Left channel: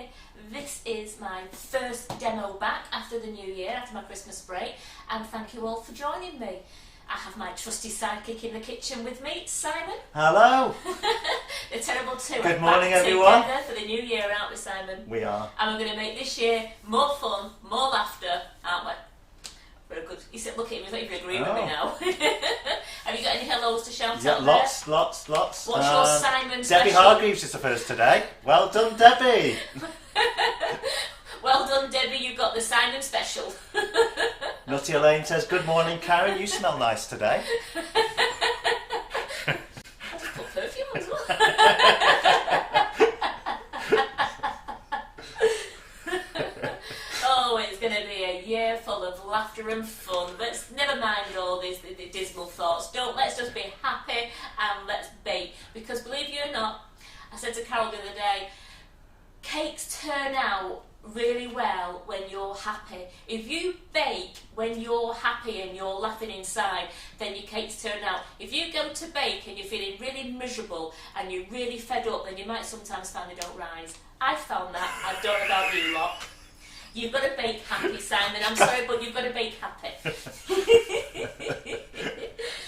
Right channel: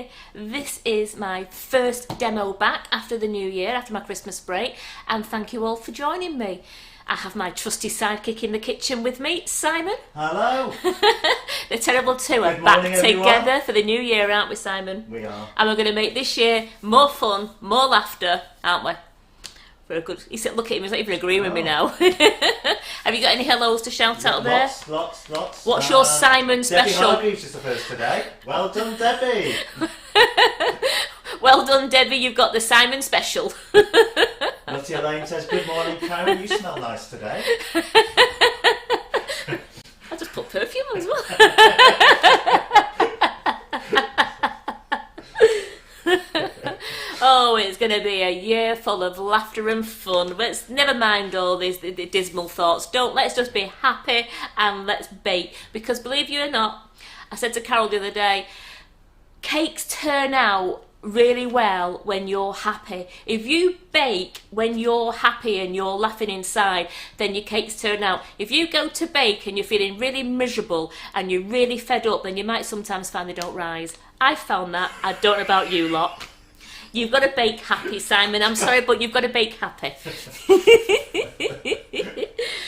Yay! This is my first demo back after the new year, after my Christmas break, and thank you all for joining me. I have my trusty sidekick in the kitchen with me, Simon. Hello. The Terrible Two are Good morning, back everyone. together for the new year, aren't we, Simon? We are. And we're going to make this year more fun, more laughter, aren't we? Very good. He said, look at him, he's not even agreeing with me now. Have you got any hellos to shout out there? Lots. What's your Simon Debbie special? Hargreaves is the first today. Well done, Debbie. Well done, Debbie, you've got the Simon special. Nutty Elaine says, good morning, Karen, you smell nice today. I just put perfume on as well. Oh, it's going to be a year full of laughter and fun. Let's never mind all these dismal thoughts. Let's just be happy and let's bake. Because believe you or not, I said to Carol the other day, cakes turn out really well when you're happy. If you bake when you're happy and you're laughing inside, then your cakes turn out. If you go to bake and you're feeling really miserable and you're really fed up, then you might sometimes find they don't rise. I found that. I don't know about you lot. You've got to bake happy, Simon. I'm sorry, but you've got to bake happy.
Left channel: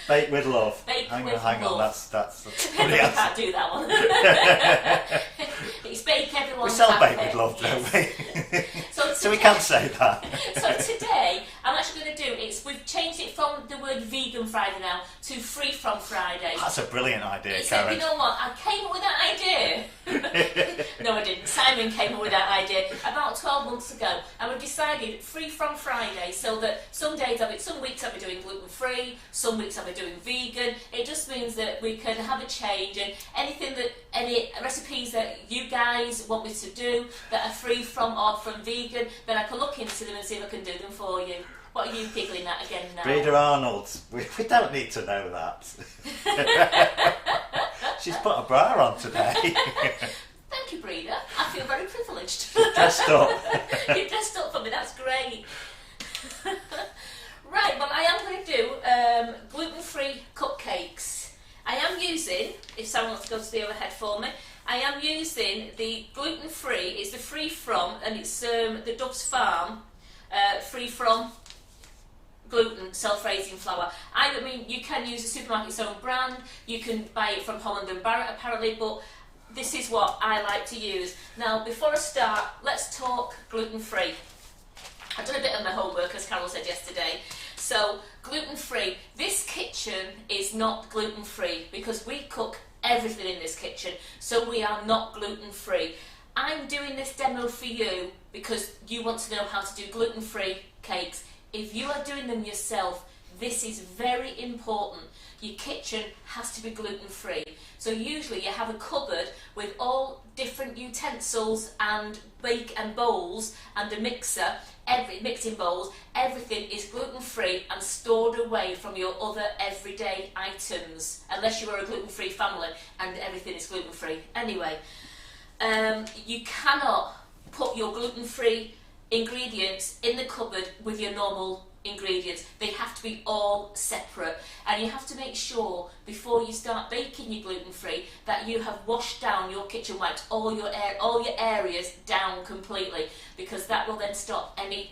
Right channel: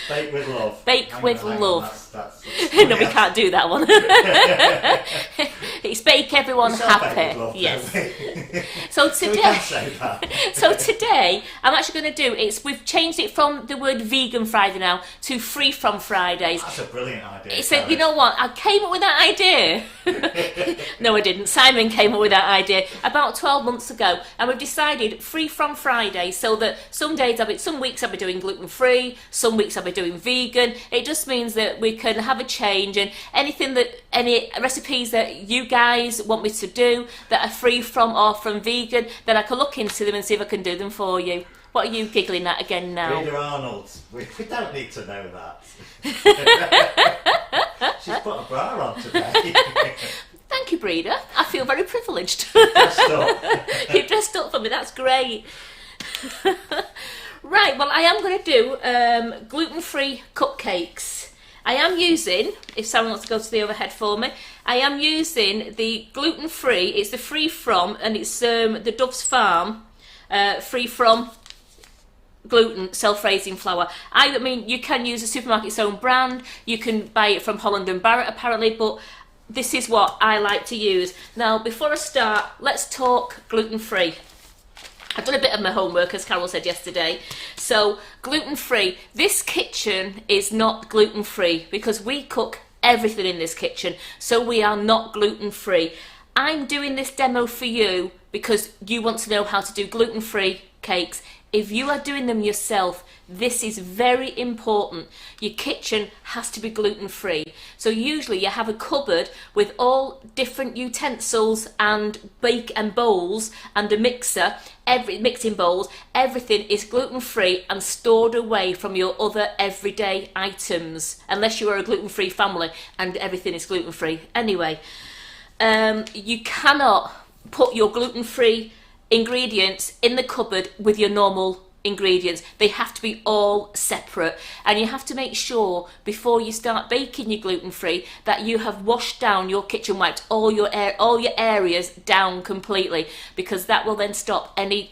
Bake with love. Bake with love. That's No, we can't do that one. It's bake everyone we sell happy. bake with love, yes. don't we? So So we today, can say that. so today, I'm actually going to do we've changed it from the word vegan Friday now to free from Fridays. That's a brilliant idea, So Karen. you know what? I came up with that idea. No, I didn't. Simon came up with that idea about 12 months ago, and we've decided free from Friday, so that some weeks I'll be doing gluten free, some weeks I'll be doing vegan. It just means that we can have a change, and any recipes that you guys want me to do that are free from or from vegan, then I can look into them and see if I can do them for you. What are you giggling at again now? Rita Arnold. We don't need to know that. She's put a bra on today. Thank you, Breda. I feel very privileged. Dressed up. You've dressed up for me, that's great. Right, well, I am going to do gluten-free cupcakes. I am using, if someone wants to go to the overhead for me, I am using the gluten-free, it's the free from, and it's the Dove's Farm free from gluten self-raising flour. I mean, you can use a supermarket's own brand, you can buy it from Holland and Barrett apparently, but this is what I like to use. Now, before I start, let's talk gluten-free. I've done a bit of my homework, as Carol said yesterday. So, gluten-free. This kitchen is not gluten-free because we cook everything in this kitchen, so we are not gluten-free. I'm doing this demo for you because you want to know how to do gluten-free cakes. If you are doing them yourself, this is very important. Your kitchen has to be gluten-free. So usually you have a cupboard with all different utensils and bowls and a mixer, mixing bowls. Everything is gluten-free and stored away from your other everyday items, unless you are a gluten-free family and everything is gluten-free. Anyway, you cannot put your gluten-free ingredients in the cupboard with your normal ingredients. They have to be all separate, and you have to make sure before you start baking your gluten-free that you have washed down your kitchen, wiped all your areas down completely, because that will then stop any I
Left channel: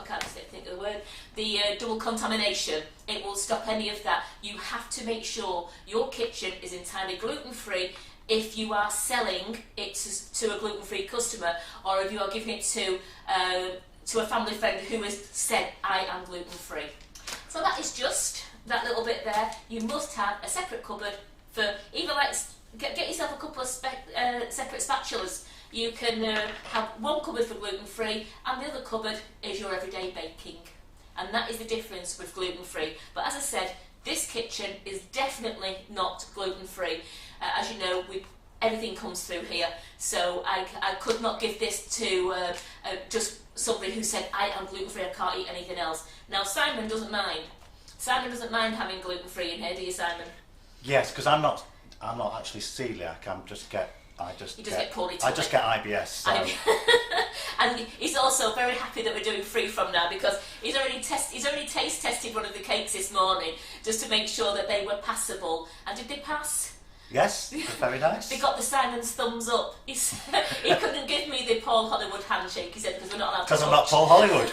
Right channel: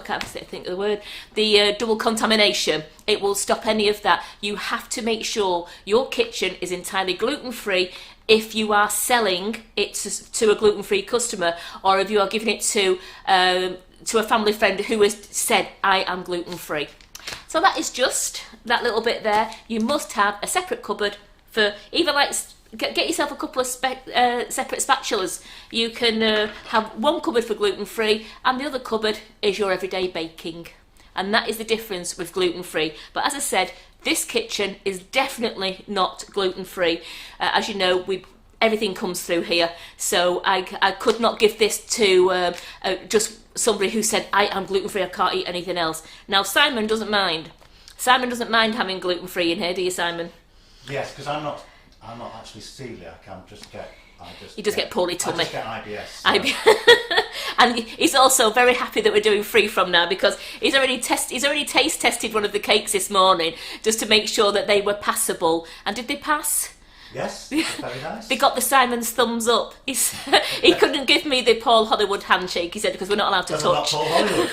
can't think of the word, the double contamination. It will stop any of that. You have to make sure your kitchen is entirely gluten-free if you are selling it to a gluten-free customer, or if you are giving it to a family friend who has said, I am gluten-free. So that is just that little bit there. You must have a separate cupboard for either, like, get yourself a couple of separate spatulas. You can have one cupboard for gluten-free and the other cupboard is your everyday baking. And that is the difference with gluten-free. But as I said, this kitchen is definitely not gluten-free. As you know, everything comes through here. So I could not give this to just somebody who said, I am gluten-free, I can't eat anything else. Now, Simon doesn't mind. Simon doesn't mind having gluten-free in here, do you, Simon? Yes, because I'm not actually celiac. You just get poorly tummy. I just get IBS. So. And he's also very happy that we're doing free from now, because he's already taste tested one of the cakes this morning just to make sure that they were passable. And did they pass? Yes, very nice. They got the Simon's thumbs up. He couldn't give me the Paul Hollywood handshake, he said, because we're not allowed to touch. Because I'm not Paul Hollywood.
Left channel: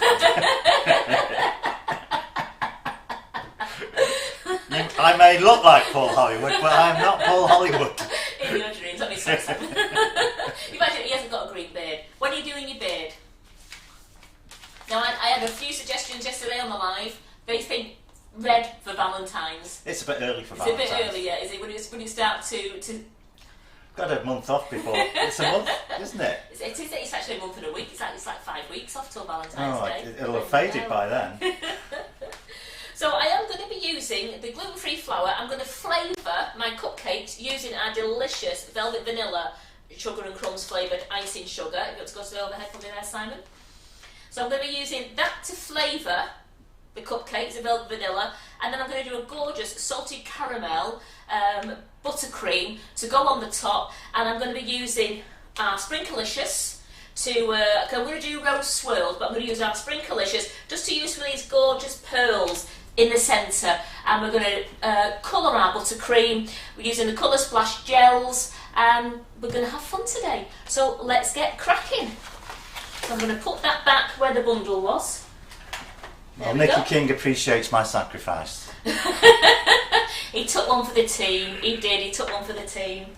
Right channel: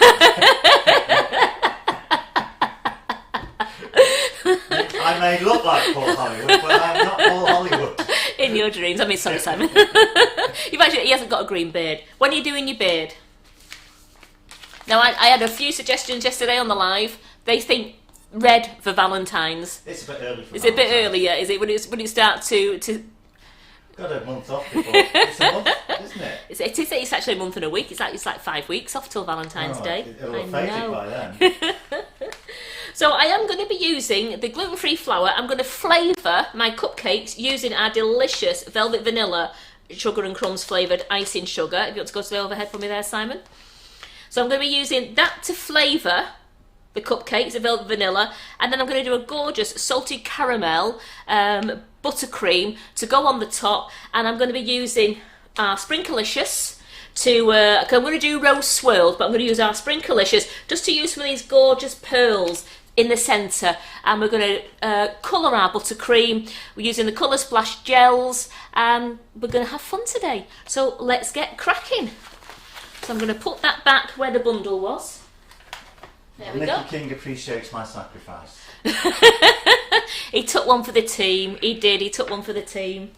I may look like Paul Hollywood, but I am not Paul Hollywood. In your dreams. I mean, sorry, Simon. He hasn't got a green beard. When are you doing your beard? Now, I had a few suggestions yesterday on the live. They think red for Valentine's. It's a bit early for It's Valentine's. a bit earlier, is it? When you start to got a month off before. It's a month, isn't it? It's actually a month and a week. It's like 5 weeks off till Valentine's Day. It'll have faded by then. So I am going to be using the gluten-free flour. I'm going to flavour my cupcakes using our delicious velvet vanilla Sugar and Crumbs flavoured icing sugar. If you want to go to the overhead for me there, Simon. So I'm going to be using that to flavour the cupcakes, the velvet vanilla, and then I'm going to do a gorgeous salted caramel buttercream to go on the top, and I'm going to be using our Sprinklicious to, I'm going to do rose swirls, but I'm going to use our Sprinklicious just to use some of these gorgeous pearls in the centre, and we're going to colour our buttercream. We're using the Colour Splash gels, and we're going to have fun today. So let's get cracking. So I'm going to put that back where the bundle was. Well, Nicky King appreciates my sacrifice. He took one for the team. He did. He took one for the team.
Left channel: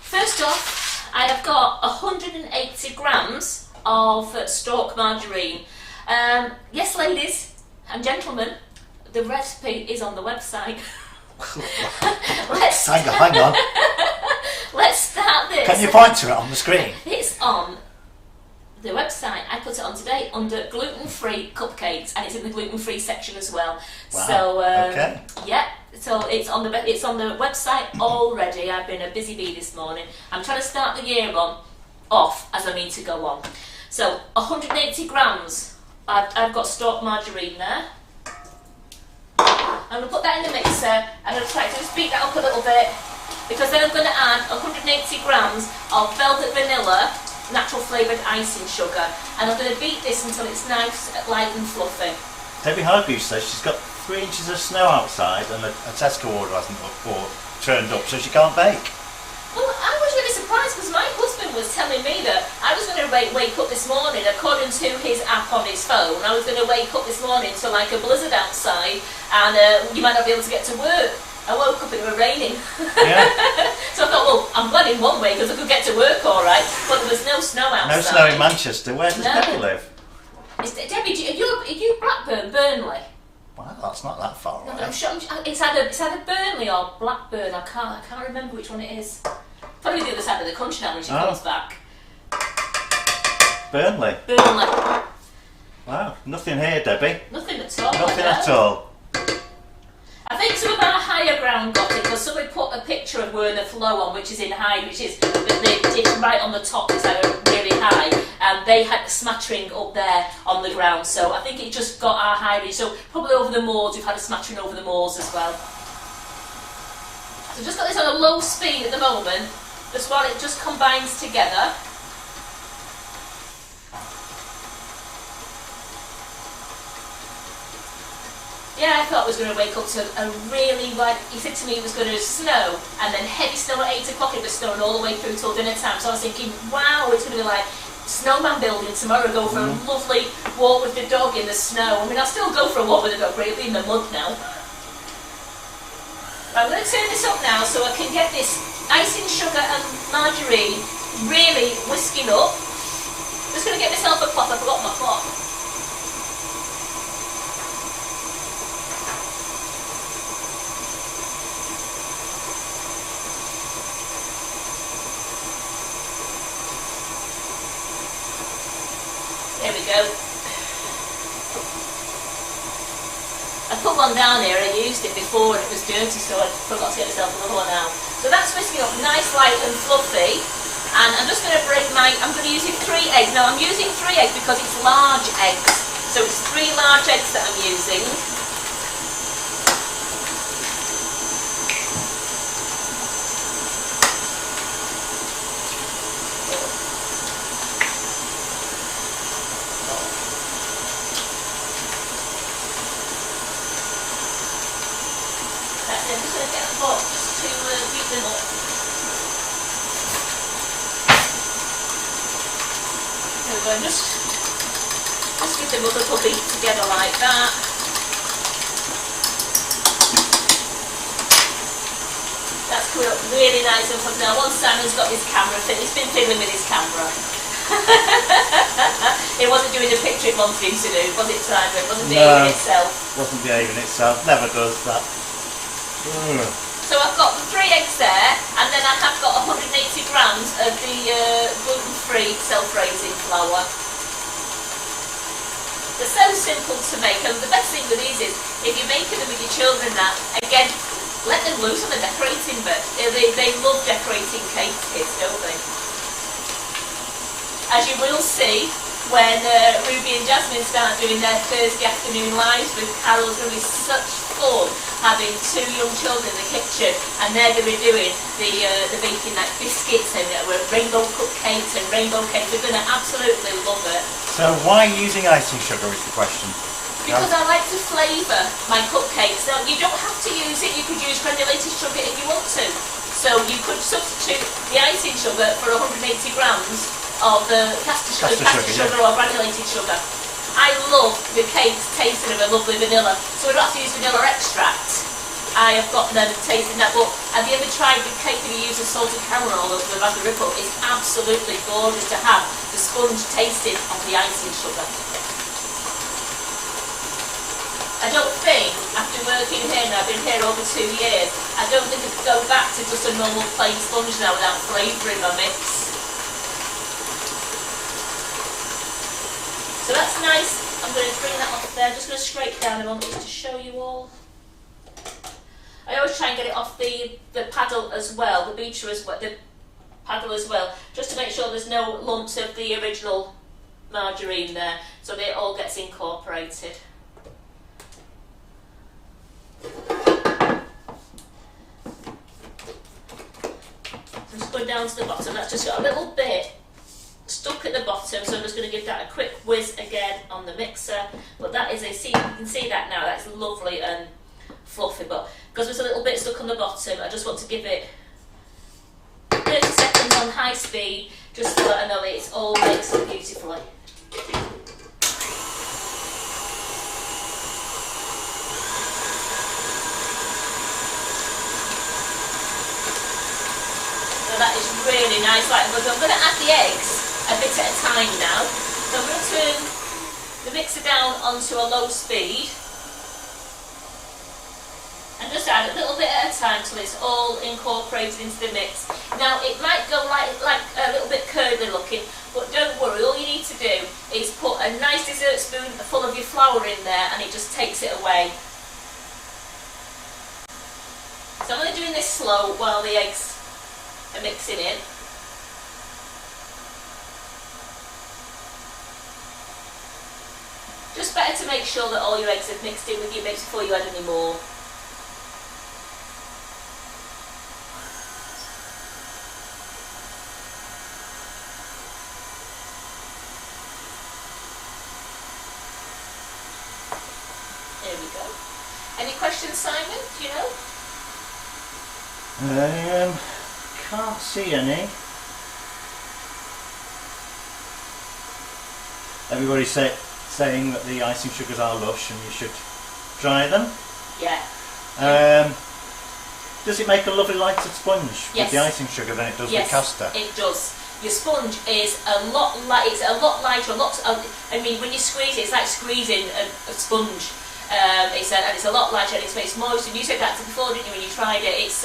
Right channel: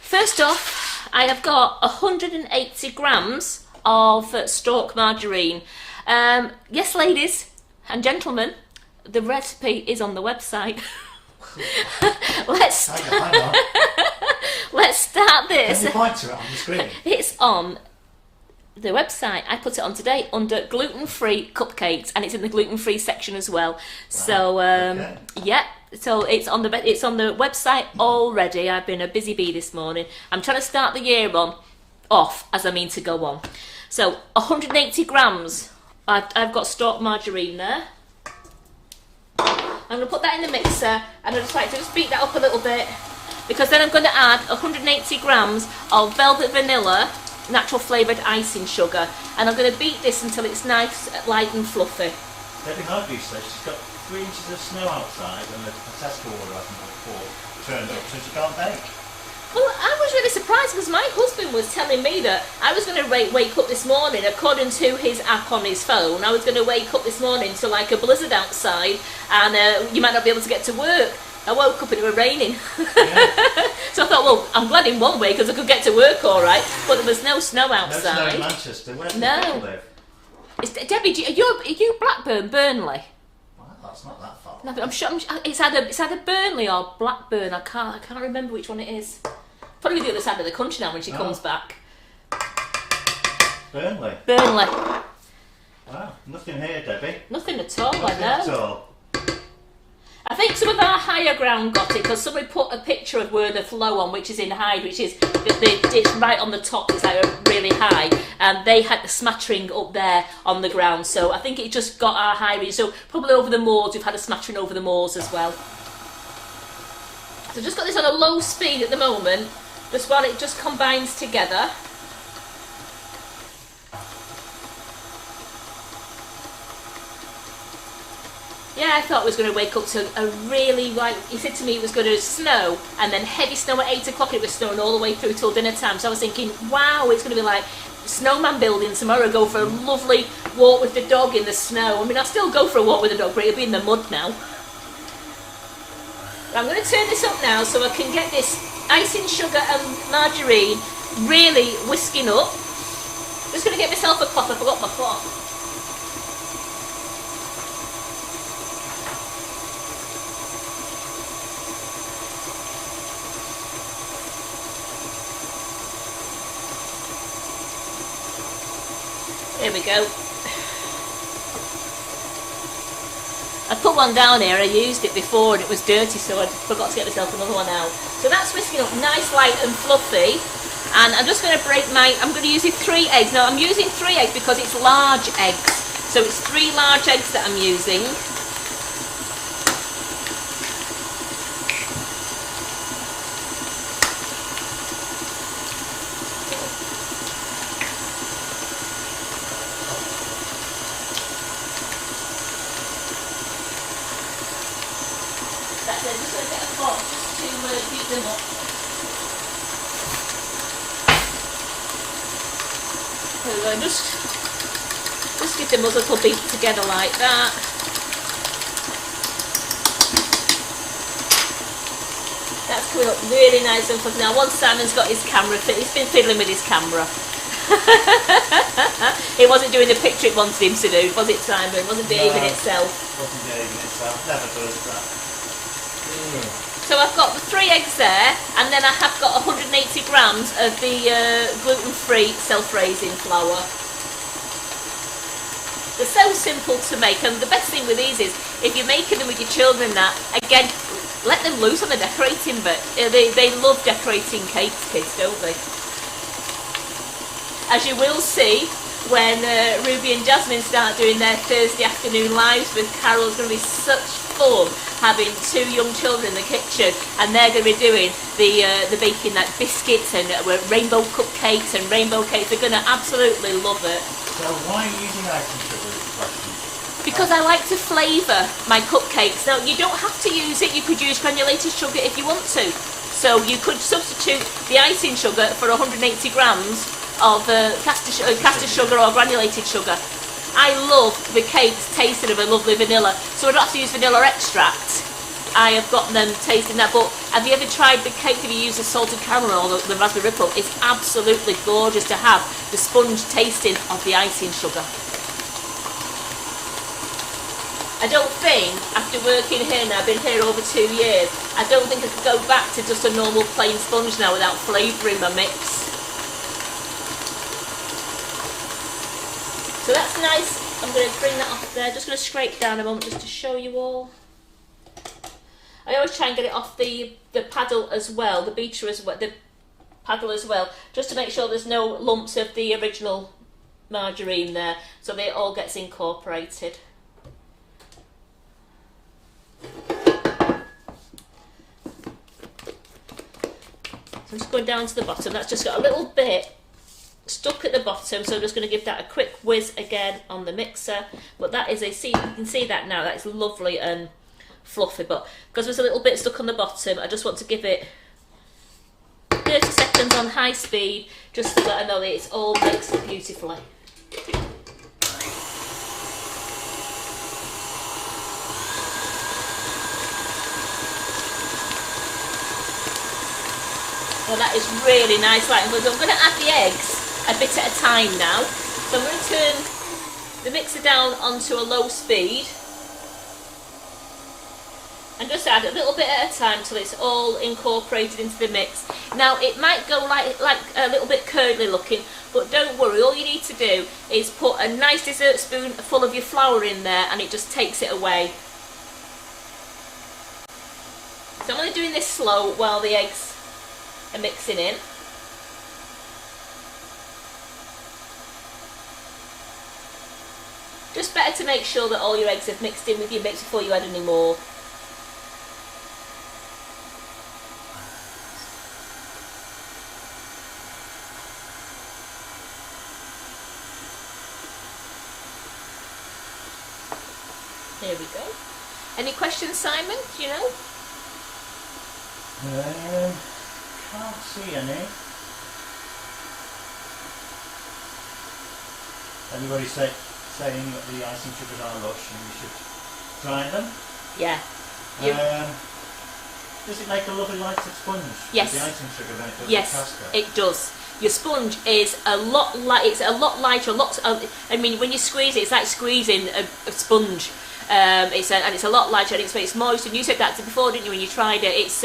First off, I have got 180 grams of stalk margarine. Yes, ladies and gentlemen, the recipe is on the website. Hang on. Let's start this. Can you point to it on the screen? It's on the website. I put it on today under gluten-free cupcakes, and it's in the gluten-free section as well. Wow. So Okay. yeah, so it's on the website already. I've been a busy bee this morning. I'm trying to start the year off as I mean to go on. So 180 grams. I've got stalk margarine there. I'm going to put that in the mixer, and I'm going to try to just beat that up a little bit, because then I'm going to add 180 grams of velvet vanilla natural flavoured icing sugar, and I'm going to beat this until it's nice, light and fluffy. Debbie Hargreaves says she's got 3 inches of snow outside and a Tesco order hasn't turned up, so she can't bake. Well, I was really surprised because my husband was telling me that I was going to wake up this morning, according to his app on his phone, I was going to wake up this morning to like a blizzard outside, and you might not be able to get to work. I woke up and it was raining. Yeah. So I thought, well, I'm glad in one way because I could get to work all right, but there was no snow outside. No snow in Manchester. Where does Debbie live? Debbie, are you Blackburn, Burnley? Well, that's not that far No, away. but I'm sure it's either Burnley or Blackburn. I can't remember which one it is. Probably the other side of the country now when she comes back. Burnley. Burnley. Wow, nothing here, Debbie. Nothing at all. Nothing at all. I think some of our higher ground got it because somebody put a picture of where the flow on, which is in Hyde, which is it's right on the top. It's like really high, and they had the smattering up there on the ground. So I think it just got our high region. So probably over the moors, we've had a smattering over the moors as well. So just got this on a low speed at the moment, just while it just combines together. Yeah, I thought I was going to wake up to a really, he said to me it was going to snow, and then heavy snow at 8 o'clock, it was snowing all the way through till dinner time. So I was thinking, wow, it's going to be like snowman building tomorrow, go for a lovely walk with the dog in the snow. I mean, I'll still go for a walk with the dog, but it'll be in the mud now. I'm going to turn this up now so I can get this icing sugar and margarine really whisking up. Just going to get myself a cloth, I forgot my cloth. There we go. I put one down here, I used it before and it was dirty, so I forgot to get myself another one out. So that's whisking up nice, light and fluffy. And I'm just going to break I'm going to use 3 eggs. Now I'm using 3 eggs because it's large eggs. So it's 3 large eggs that I'm using. I'm just going to There we go. Just give them a little beat together like that. That's coming up really nice and fluffy. Now once Simon's got his camera fit, he's been fiddling with his camera. It wasn't doing the picture it wanted him to do, was it, Simon? It wasn't behaving itself. Wasn't behaving itself, never does that. So I've got the 3 eggs there, and then I have got 180 grams of the gluten-free self-raising flour. They're so simple to make, and the best thing with these is, if you're making them with your children now, again, let them loose on the decorating bit. They love decorating cakes, kids, don't they? As you will see, when Ruby and Jasmine start doing their Thursday afternoon lives with Carol, it's going to be such fun having 2 young children in the kitchen, and they're going to be doing the baking like biscuits and rainbow cupcakes and rainbow cakes. They're going to absolutely love it. So why using icing sugar is the question? Because I like to flavour my cupcakes. Now you don't have to use it, you could use granulated sugar if you want to. So you could substitute the icing sugar for 180 grams of caster sugar or granulated sugar. I love the cakes tasting of a lovely vanilla, so I don't have to use vanilla extract. I have got them tasting that, but have you ever tried the cake and you use the salted caramel or the raspberry ripple? It's absolutely gorgeous to have the sponge tasting of the icing sugar. I don't think, after working here now, I've been here over 2 years, I don't think I could go back to just a normal plain sponge now without flavouring my mix. So that's nice. I'm going to bring that off there. Just going to scrape down a moment just to show you all. I always try and get it off the paddle as well, the beater as well, the paddle as well, just to make sure there's no lumps of the original margarine there, so that it all gets incorporated. So just going down to the bottom. That's just got a little bit stuck at the bottom, so I'm just going to give that a quick whiz again on the mixer. But that is you can see that now, that's lovely and fluffy, but because there's a little bit stuck on the bottom, I just want to give it 30 seconds on high speed just to let I know that it's all mixed beautifully. So that is really nice. Right, I'm going to add the eggs a bit at a time now. So I'm going to turn the mixer down onto a low speed and just add a little bit at a time till it's all incorporated into the mix. Now it might go like a little bit curly looking, but don't worry, all you need to do is put a nice dessert spoon full of your flour in there and it just takes it away. So I'm only doing this slow while the eggs are mixing in. Just better to make sure that all your eggs have mixed in with your mix before you add any more. There we go. Any questions, Simon? Do you know? Can't see any. Everybody's saying that the icing sugars are lush and you should try them. Yeah. Does it make a lovely lighter sponge Yes. with the icing sugar than it does Yes, with caster? it does. Your sponge is a lot it's a lot lighter. I mean, when you squeeze it, it's like squeezing a sponge. It's a lot lighter and it's moist. And you said that before, didn't you? When you tried it, it's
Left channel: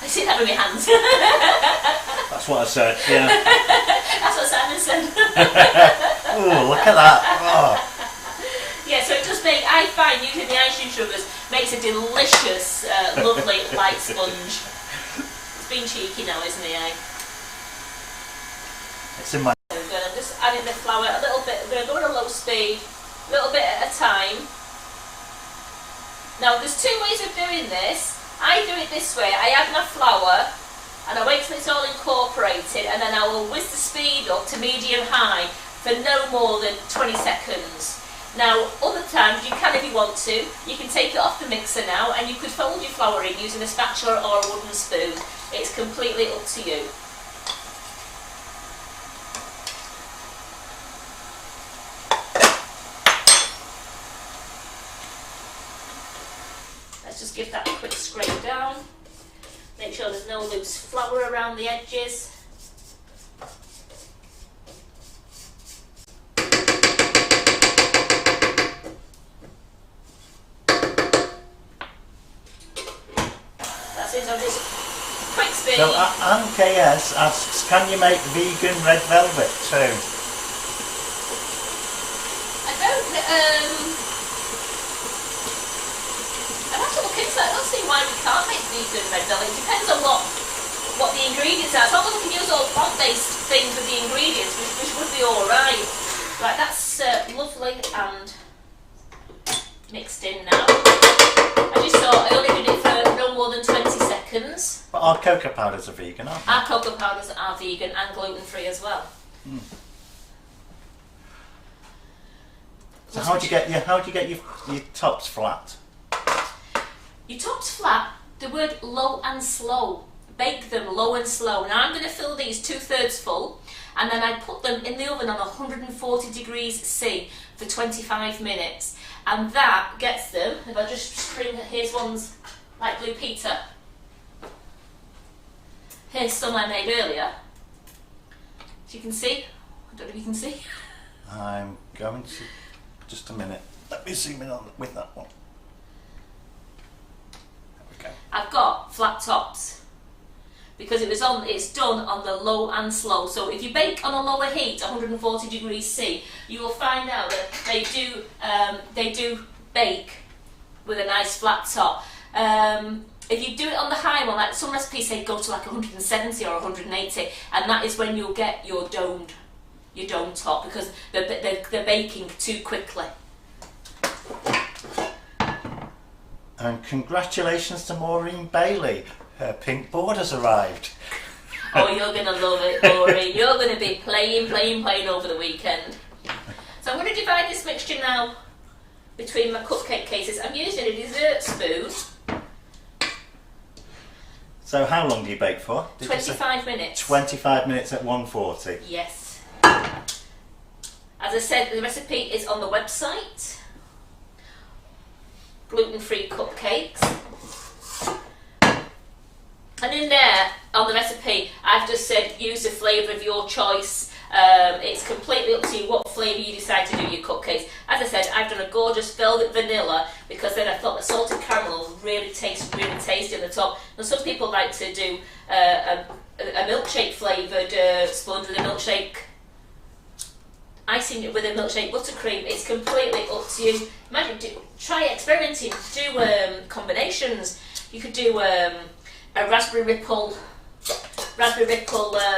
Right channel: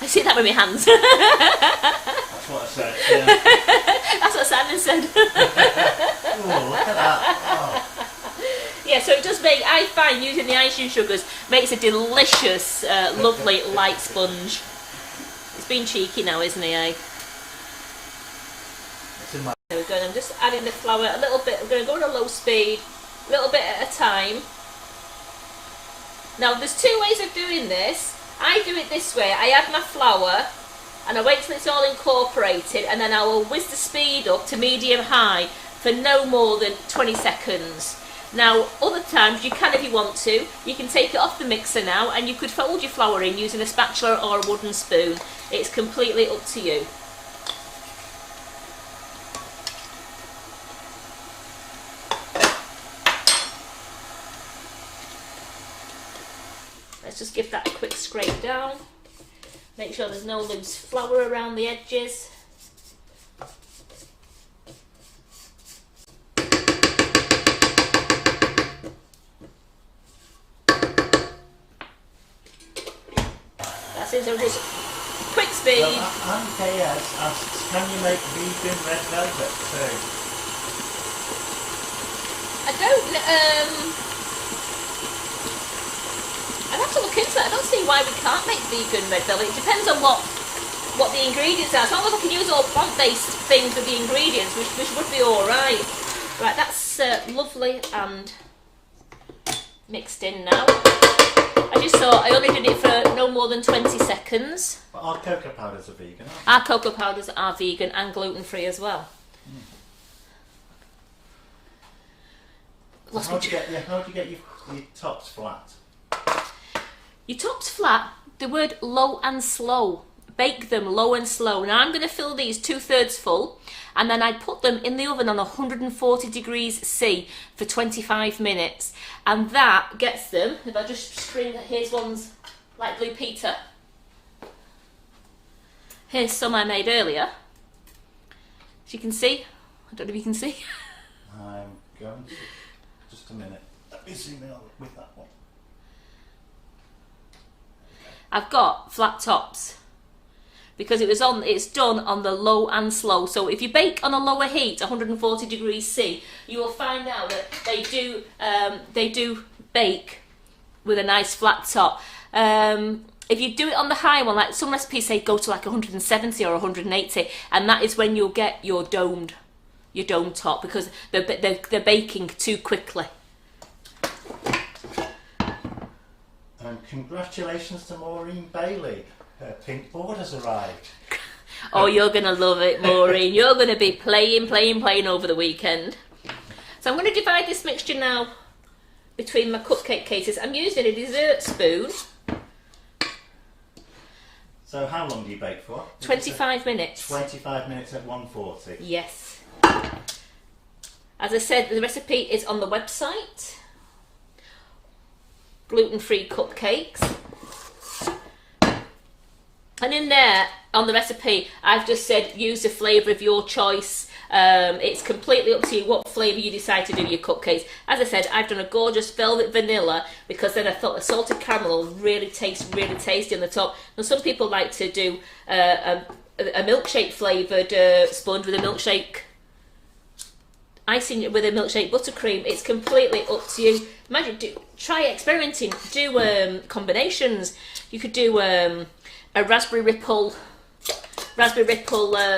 I see that with my hands. That's what I said. Yeah. That's what Simon said. Oh, look at that! Oh. Yeah, so it does make. I find using the icing sugars makes a delicious, lovely light sponge. It's been cheeky now, isn't he? It's in my. I'm just adding the flour a little bit. I'm going to go on a low speed, a little bit at a time. Now, there's 2 ways of doing this. I do it this way. I add my flour and I wait till it's all incorporated, and then I will whiz the speed up to medium-high for no more than 20 seconds. Now, other times you can, if you want to, you can take it off the mixer now and you could fold your flour in using a spatula or a wooden spoon. It's completely up to you. down. Make sure there's no loose flour around the edges. That's it, so just quick speed. So MKS asks, can you make vegan red velvet too? I don't, I'd have to look into that. I don't see why we can't make vegan red velvet. It depends on what the ingredients are. As long as I can use all plant-based things with the ingredients, which would be alright. Right, that's lovely and mixed in now. I just thought I only did it for no more than 20 seconds. But our cocoa powders are vegan, aren't they? Our cocoa powders are vegan and gluten-free as well. Mm. So how do you get your tops flat? Your tops flat, the word low and slow. Bake them low and slow. Now I'm going to fill these 2/3 full, and then I put them in the oven on 140 degrees C for 25 minutes. And that gets them, if I just string, here's ones like Blue Peter. Here's some I made earlier. As you can see, I don't know if you can see. I'm going to, just a minute. Let me zoom in on with that one. There we go. I've got flat tops because it's done on the low and slow. So if you bake on a lower heat, 140 degrees C, you will find out that they do bake with a nice flat top. If you do it on the high one, like some recipes say go to like 170 or 180, and that is when you'll get your dome top because they're baking too quickly. And congratulations to Maureen Bailey. Her pink board has arrived. Oh, you're going to love it, Maureen. You're going to be playing over the weekend. So I'm going to divide this mixture now between my cupcake cases. I'm using a dessert spoon. So how long do you bake for? 25 minutes. 25 minutes at 140. Yes. As I said, the recipe is on the website. Gluten-free cupcakes. And in there, on the recipe, I've just said use a flavour of your choice. It's completely up to you what flavour you decide to do your cupcakes. As I said, I've done a gorgeous velvet vanilla because then I thought the salted caramel will really taste really tasty on the top. Now some people like to do a milkshake flavoured sponge with a milkshake icing with a milkshake buttercream. It's completely up to you. Imagine, try experimenting. Do combinations. You could do a raspberry ripple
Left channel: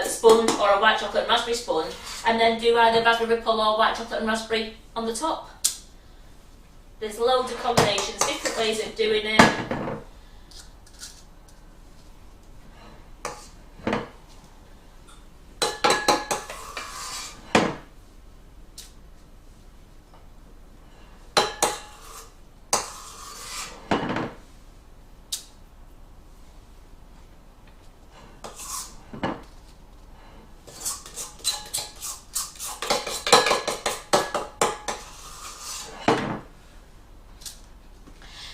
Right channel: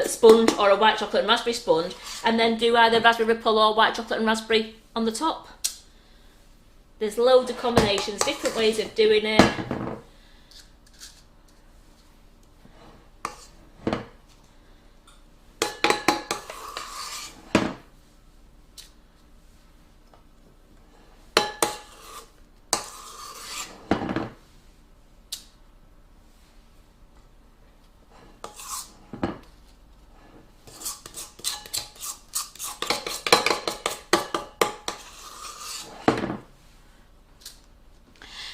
sponge or a white chocolate and raspberry sponge, and then do either raspberry ripple or white chocolate and raspberry on the top. There's loads of combinations, different ways of doing it.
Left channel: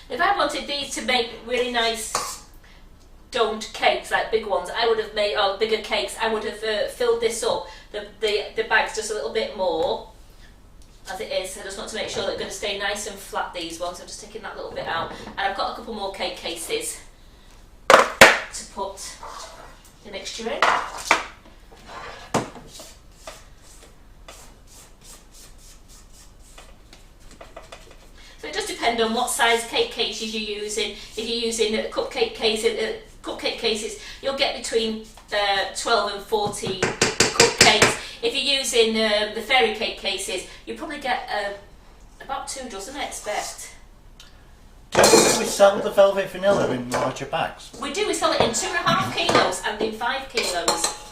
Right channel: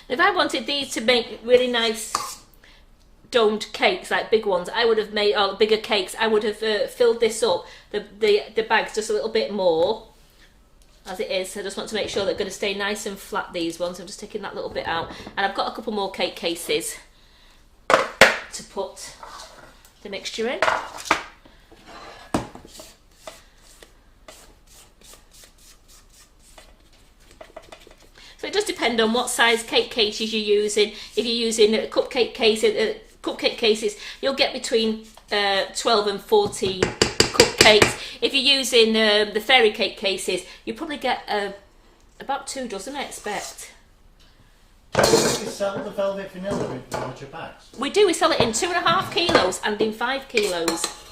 If I wanted these to make really nice domed cakes, like big ones, I would have made, or bigger cakes, I would have filled this up, the bags just a little bit more. As it is, I just want to make sure they're going to stay nice and flat, these ones. I'm just taking that little bit out. And I've got a couple more cake cases to put the mixture in. So it does depend on what size cake cases you're using. If you're using cupcake cases, you'll get between 12 and 14 cupcakes. If you're using the fairy cake cases, you probably get about 2 dozen, I expect. Do we sell the velvet vanilla in larger bags? We do. We sell it in 2.5 kilos and in 5 kilos.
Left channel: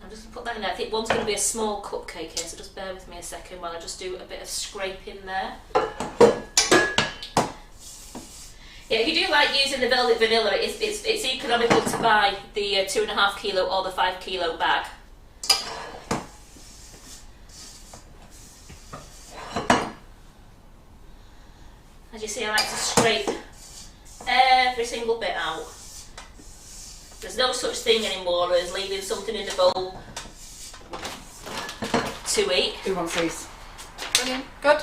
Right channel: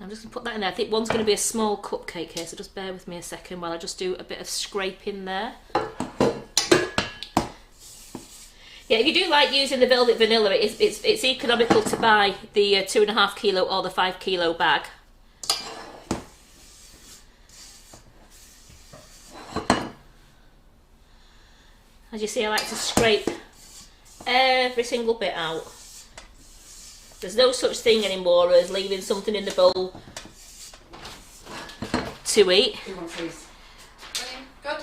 I'm just going to put that in there. I think one's going to be a small cupcake here, so just bear with me a second while I just do a bit of scraping there. Yeah, if you do like using the velvet vanilla, it's economical to buy the 2.5 kilo or the 5 kilo bag. As you see, I like to scrape every single bit out. There's no such thing anymore as leaving something in the bowl to eat. Who wants these? Brilliant. Good.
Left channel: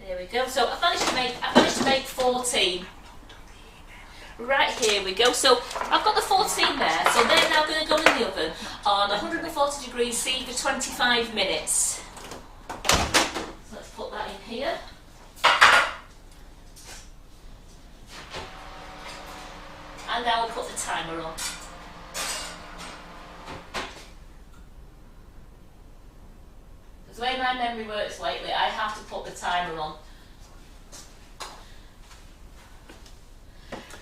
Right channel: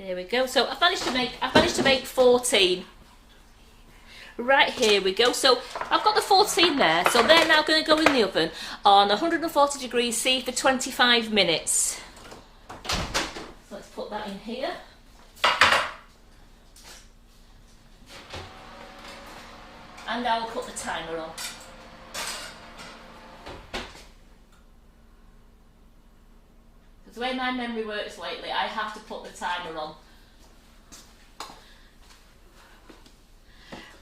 There we go. So I've managed to make 14. Right, here we go. So I've got the 14 there. So they're now going to go in the oven on 140 degrees C for 25 minutes. So let's put that in here. And I will put the timer on. Because the way my memory works lately, I have to put the timer on.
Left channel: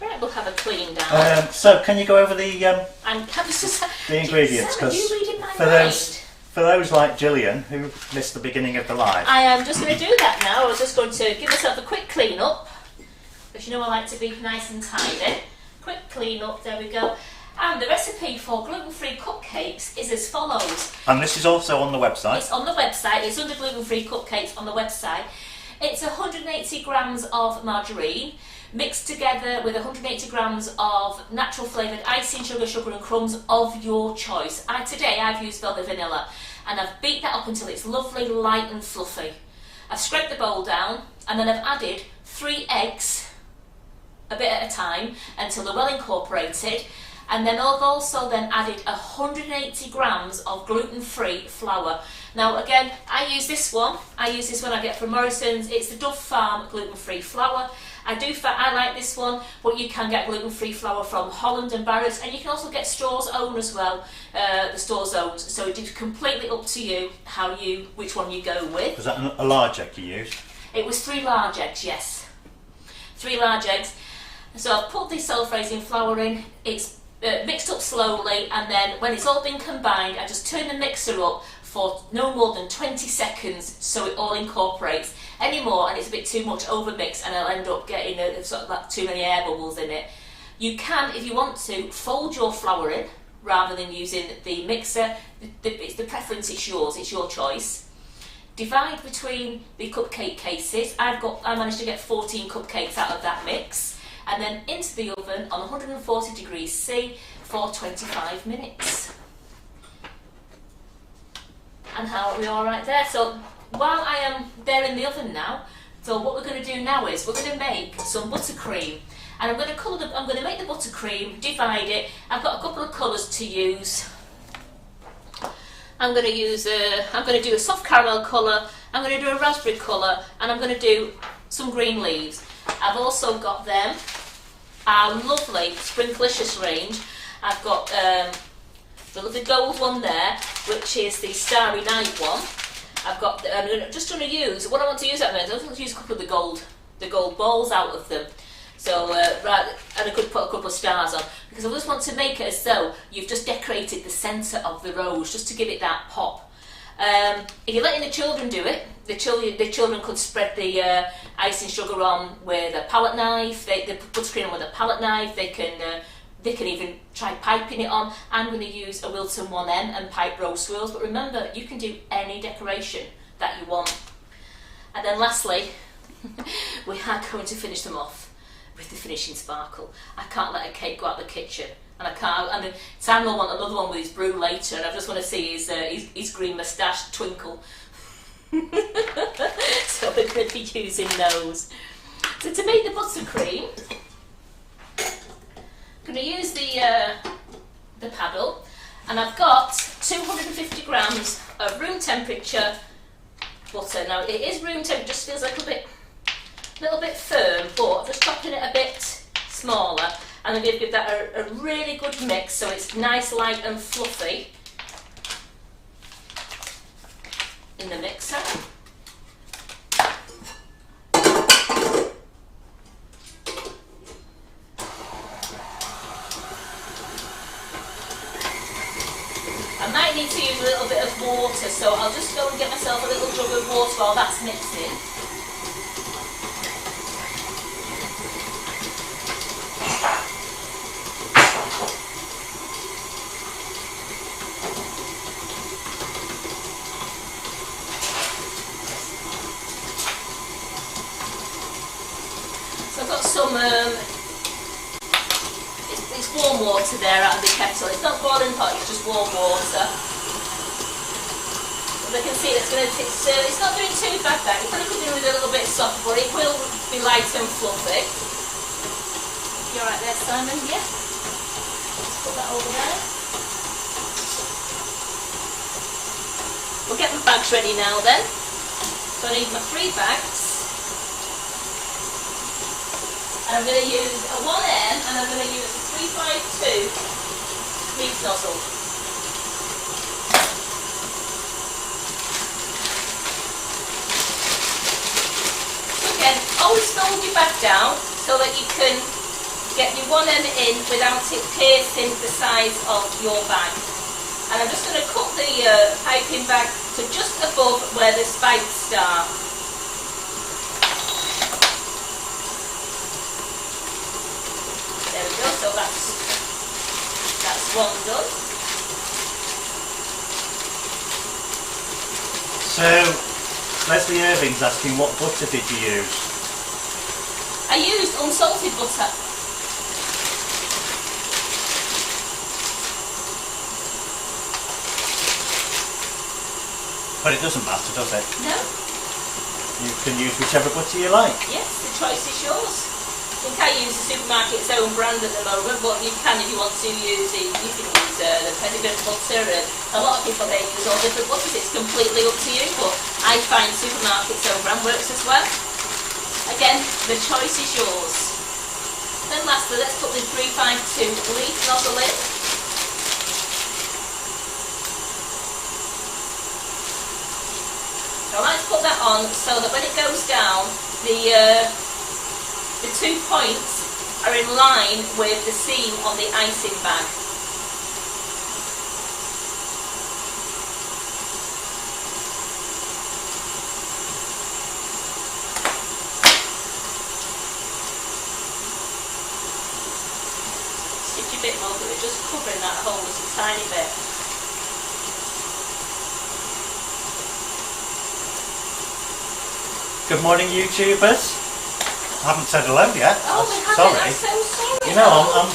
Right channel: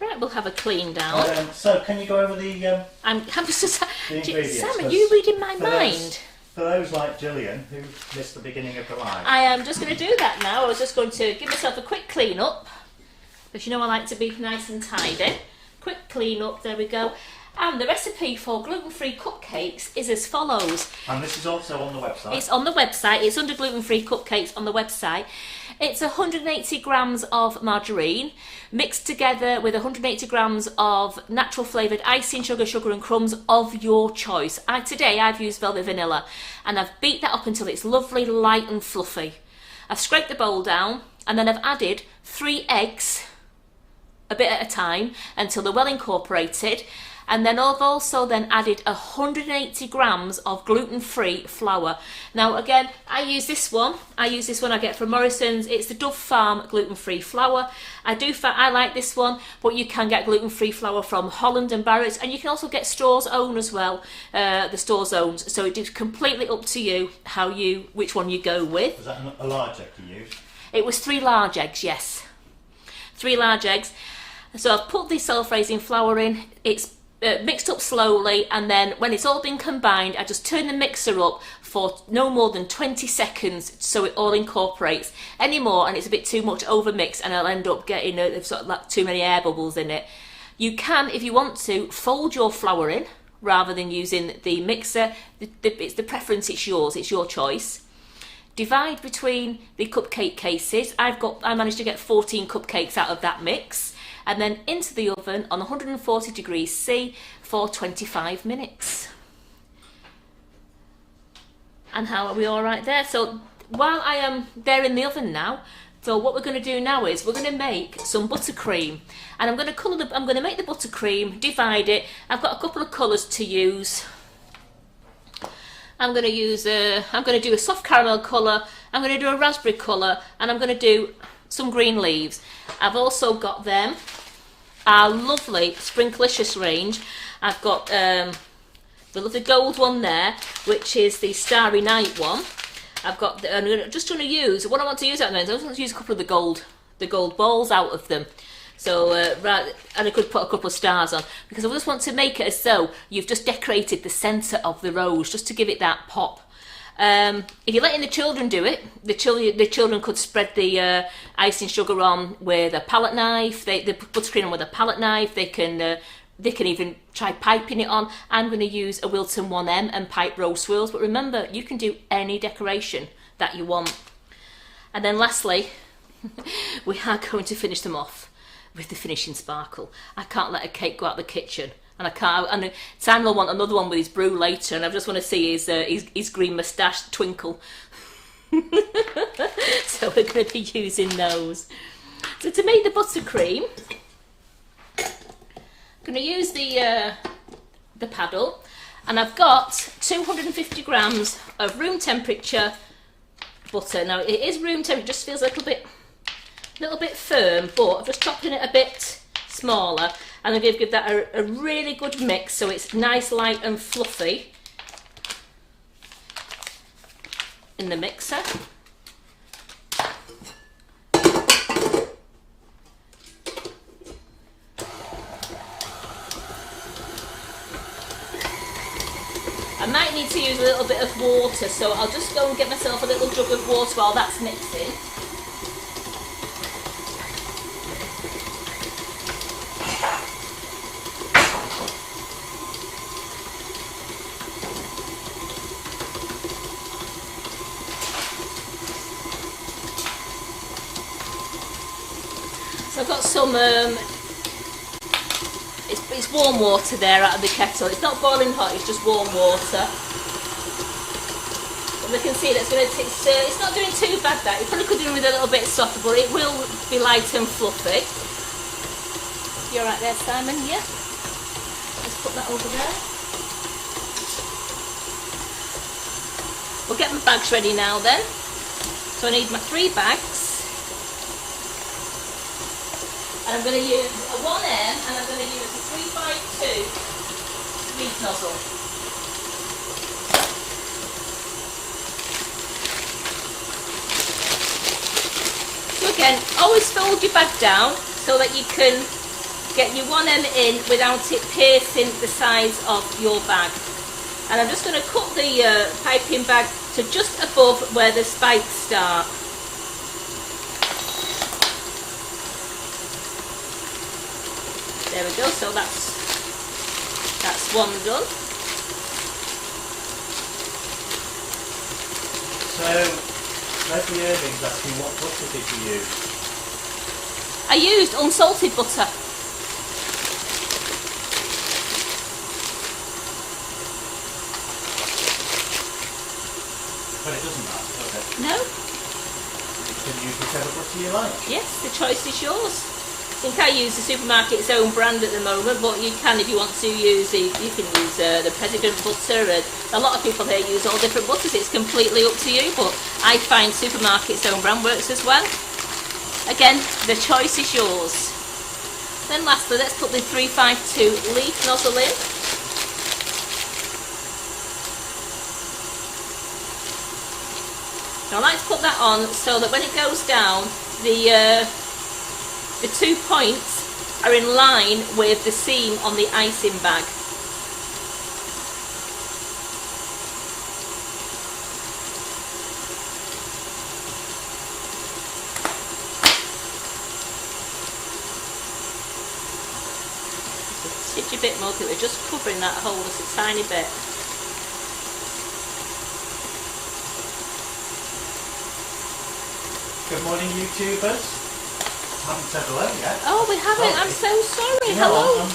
Right, we'll have a clean down. So can you go over the And I'm just the ingredients? Sam, are you reading my mind? For those like Gillian who missed the beginning of the live. I am just going to do that now. I was just going to give myself a quick clean up, because you know I like to be nice and tidy. Quick clean up, there we go. And the recipe for gluten-free cupcakes is as follows. And this is also on the website. It's on the website. It's under gluten-free cupcakes on the website. It's 180 grams of margarine mixed together with 180 grams of natural flavoured icing sugar, sugar and crumbs of your choice. Today I've used velvet vanilla, and I've beat that up until it's lovely, light and fluffy. I've scraped the bowl down, and then I've added 3 eggs, a bit at a time, until they're well incorporated. And then I've also then added 180 grams of gluten-free flour. Now again, I use this one I get from Morrison's. It's the Dove Farm gluten-free flour. I like this one, but you can get gluten-free flour from Holland and Barrett's, and you can also get Store's Own as well, the Store's Own. So it is completely up to you which one you go with. Was that a large egg you used? It was 3 large eggs, yes. 3 large eggs. So I've put the self-raising flour in. It's mixed up slowly, and then when it's all been combined, I just turn the mixer up for no more than 20 seconds so it all incorporates. Any more and it's a bit too much over mixed, and I'll end up getting sort of like too many air bubbles in it. You can, if you want to, fold your flour in rather than using the mixer. It's the preference, it's yours, it's your choice. Divide between the cupcake cases. I managed to get 14 cupcakes out of that mix. And then into the oven on 140 degrees C for 25 minutes. And how are we all right there? So while I am there in the oven now, so what we're going to do now is we're going to make some buttercream. And I'm going to make the buttercream, divide it. I've got a couple of colours to use. I'm going to do a soft caramel colour, I'm going to do a raspberry colour, and I'm going to do some green leaves. I've also got them, our lovely Sprinklicious range. I've got the lovely gold one there, which is the Starry Night one. I've got, I'm just going to use, what I want to use at the moment, I want to use a couple of the gold balls out of them. So, right, and I could put a couple of stars on, because I just want to make it as though you've just decorated the centre of the rose, just to give it that pop. If you're letting the children do it, the children could spread the icing sugar on with a palette knife. They buttercream on with a palette knife. They can even try piping it on. I'm going to use a Wilton 1M and pipe rose swirls. But remember, you can do any decoration that you want. And then lastly, we are going to finish them off with the finishing sparkle. I can't let a cake go out the kitchen. And Sam will want another one with his brew later, and I just want to see his green moustache twinkle. So we're going to be using those. So to make the buttercream, I'm going to use the paddle, and I've got 250 grams of room temperature butter. Now it is room temperature, just feels like a little bit firm, but I'm just chopping it a bit smaller. And I'm going to give that a really good mix so it's nice, light and fluffy in the mixer. I might need to use a little bit of water, so I'll just go and get myself a little jug of water while that's mixing. So I've got some, it's warm water there out of the kettle. It's not boiling hot, it's just warm water. As I can see, it's not doing too bad that. It probably could do with a little bit softer, but it will be light and fluffy. You alright there, Simon? Yeah? Just put that over there. We'll get my bags ready now then. So I need my 3 bags. And I'm going to use a 1M and I'm going to use a 352 leaf nozzle. So again, always fold your bag down so that you can get your 1M in without it piercing the sides of your bag. And I'm just going to cut the piping bag to just above where the spikes start. There we go, so that's one done. So, Leslie Irving's asking what butter did you use? I used unsalted butter. But it doesn't matter, does it? No? You can use whichever butter you like. Yes, the choice is yours. I think I use the supermarket's own brand at the moment, but you can, if you want to use it, you can use the Pedigree butter, and a lot of people here use all different butters. It's completely up to you, but I find supermarket's own brand works as well. Again, the choice is yours. Then lastly, let's put the 352 leaf nozzle in. So I like to put that on so that when it goes down, the 2 points are in line with the seam on the icing bag. Just a titty bit more, we're just covering that hole just a tiny bit. Good morning, YouTubers. I haven't said hello yet. Oh, we haven't. Sorry. I'm so sorry. You know, Hello.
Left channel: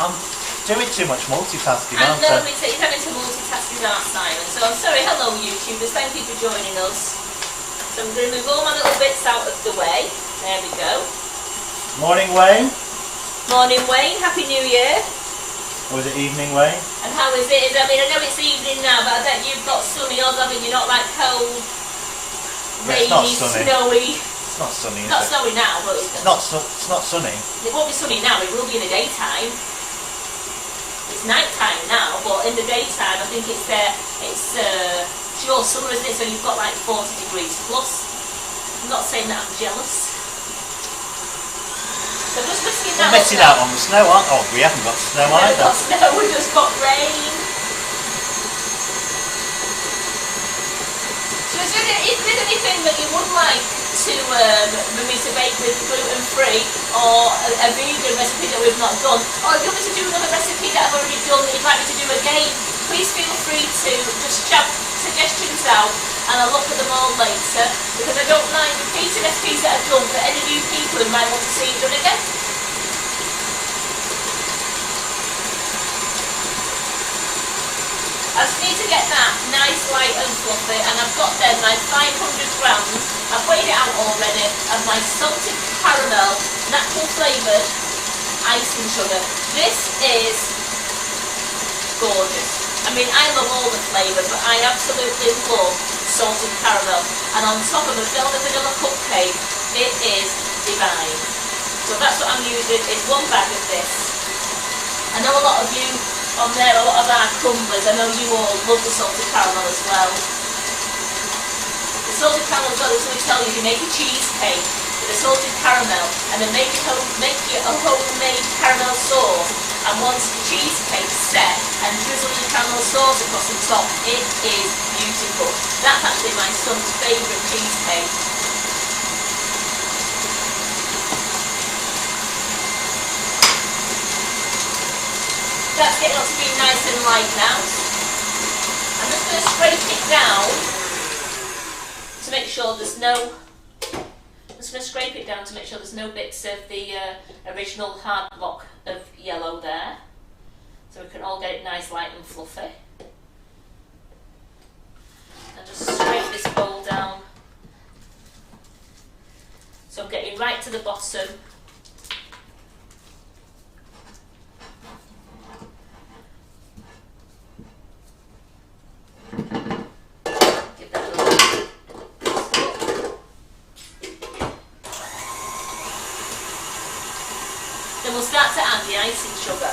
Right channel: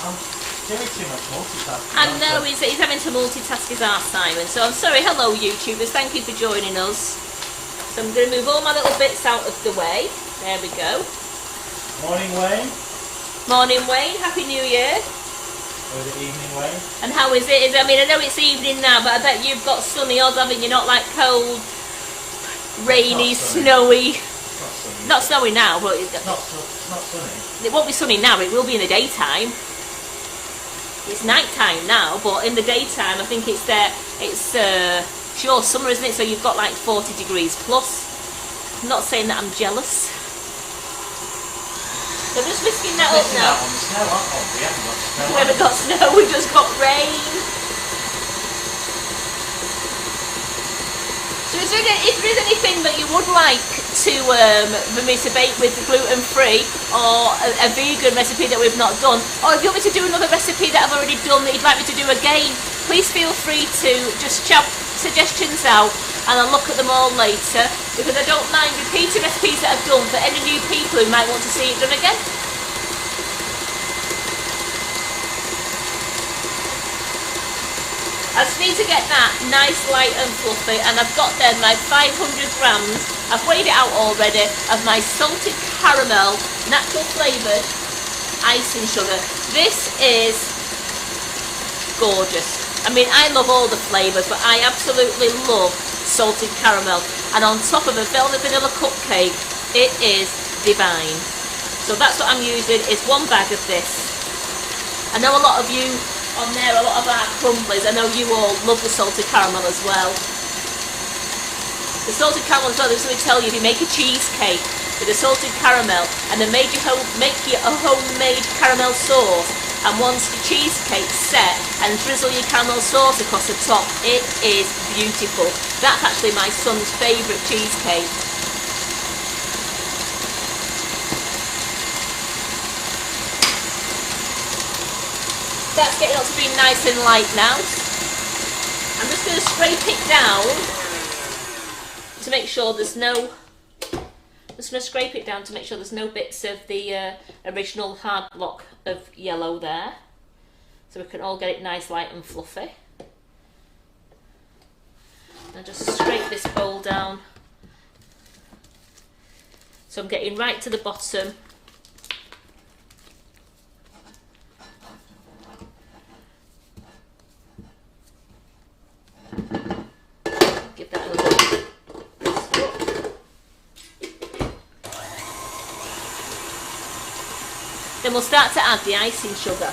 I'm doing too much multitasking. I aren't know, I? he's having to multitask his art, Simon. So I'm sorry. Hello, YouTubers. Thank you for joining us. So I'm going to move all my little bits out of the way. There we go. Morning, Wayne. Morning, Wayne. Happy New Year. Or is it evening, Wayne? And how is it? I mean, I know it's evening now, but I bet you've got sunny odds. I mean, you're not like cold, rainy, snowy. It's not sunny. Not snowy now, but It's not sunny. it won't be sunny now. It will be in the daytime. It's night time now, but in the daytime, I think it's there. It's sure summer, isn't it? So you've got like 40 degrees plus. I'm not saying that I'm jealous. So I'm just whisking that We're up missing now. out on the snow, aren't we? Oh, we haven't got snow We haven't either. got snow. We've just got rain. So is there anything that you would like to for me to bake with gluten-free, or a vegan recipe that we've not done, or if you want me to do another recipe that I've already done that you'd like me to do again, please feel free to just shout suggestions out and I'll look at them all later, because I don't mind repeating recipes that I've done for any new people who might want to see it done again. I just need to get that nice, light and fluffy, and I've got then my 500 grams, I've weighed it out already, of my salted caramel, natural flavoured icing sugar. This is gorgeous. I mean, I love all the flavours, but I absolutely love salted caramel. And on top of a velvet vanilla cupcake, it is divine. So that's what I'm using, is 1 bag of this. I know a lot of you on there, a lot of our crumblies, I know you all love the salted caramel as well. The salted caramel as well, this will tell you, if you make a cheesecake with the salted caramel and then make your homemade caramel sauce, and once the cheesecake's set and drizzle your caramel sauce across the top, it is beautiful. That's actually my son's favourite cheesecake. That's getting up to be nice and light now. I'm just going to scrape it down to make sure there's no Just going to scrape it down to make sure there's no bits of the original hard block of yellow there. So we can all get it nice, light and fluffy. And just scrape this bowl down. So I'm getting right to the bottom. Give that a little. Then we'll start to add the icing sugar.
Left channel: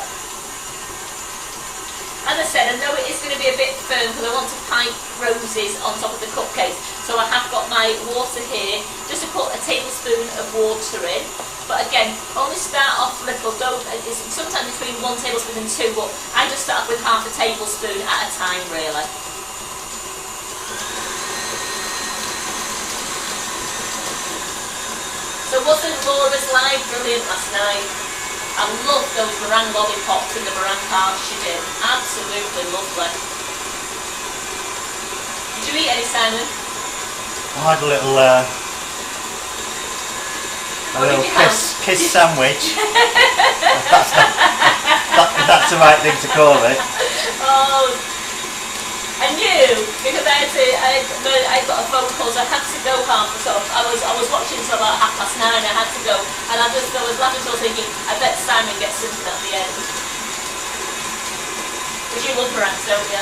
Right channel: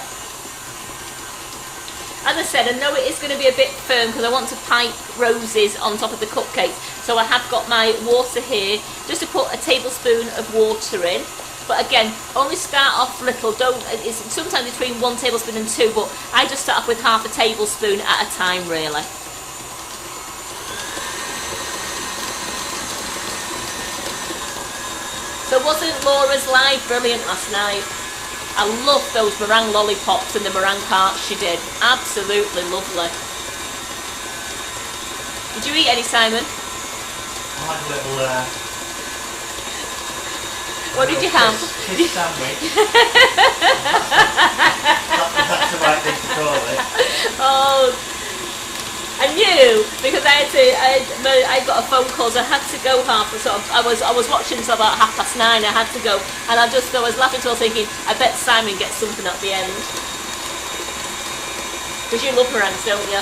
As I said, I know it is going to be a bit firm because I want to pipe roses on top of the cupcakes. So I have got my water here, just to put a tablespoon of water in. But again, only start off little. It's sometimes between 1 tablespoon and 2, but I just start off with half a tablespoon at a time, really. So wasn't Laura's live brilliant last night? I love those meringue lollipops and the meringue tarts she did. Absolutely lovely. Did you eat any, Simon? I had a little, Did you have? kiss sandwich. that's the right thing to call it. Oh, I knew because I got a phone call, so I had to go half. I was watching until about 9:30. I had to go, and I was laughing, so I was thinking, I bet Simon gets something at the end. Because you love meringues, don't you?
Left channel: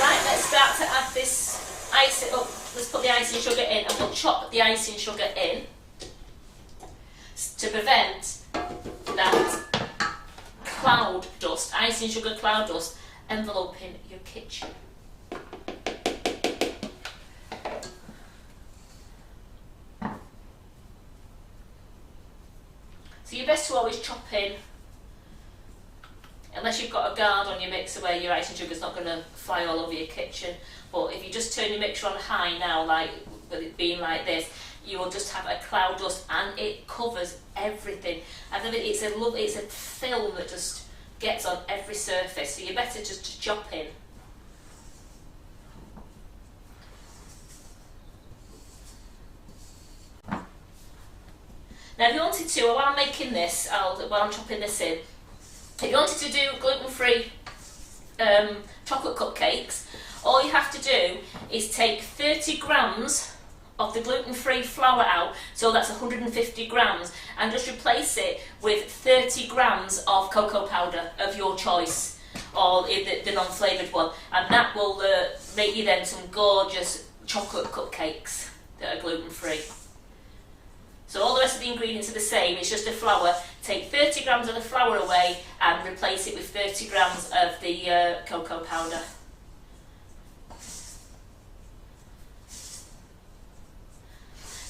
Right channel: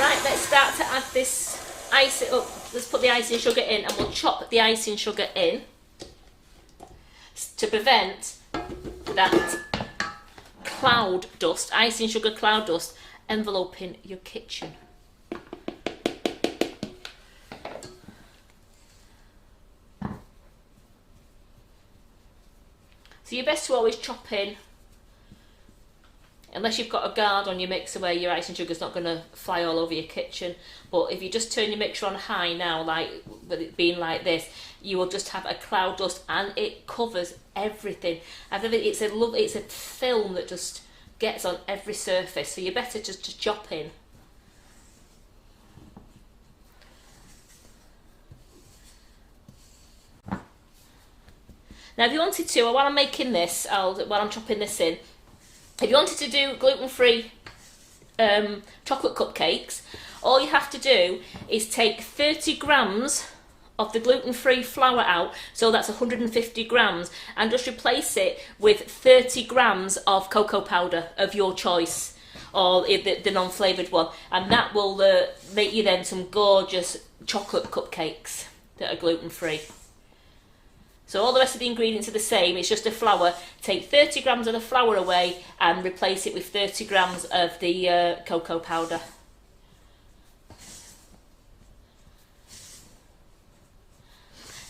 Right, let's start to add this icing. Oh, let's put the icing sugar in, and we'll chop the icing sugar in to prevent that cloud dust, icing sugar cloud dust, enveloping your kitchen. So you're best to always chop in, unless you've got a guard on your mixer where your icing sugar's not going to fly all over your kitchen. But if you just turn your mixer on high now, like with it being like this, you will just have a cloud dust, and it covers everything. I think it's a film that just gets on every surface. So you're better just to chop in. Now, if you wanted to, while I'm making this, while I'm chopping this in, if you wanted to do gluten-free chocolate cupcakes, all you have to do is take 30 grams of the gluten-free flour out, so that's 150 grams, and just replace it with 30 grams of cocoa powder of your choice, or the non-flavoured one, and that will make you then some gorgeous chocolate cupcakes that are gluten-free. So all the rest of the ingredients are the same, it's just the flour. Take 30 grams of the flour away and replace it with 30 grams of the cocoa powder.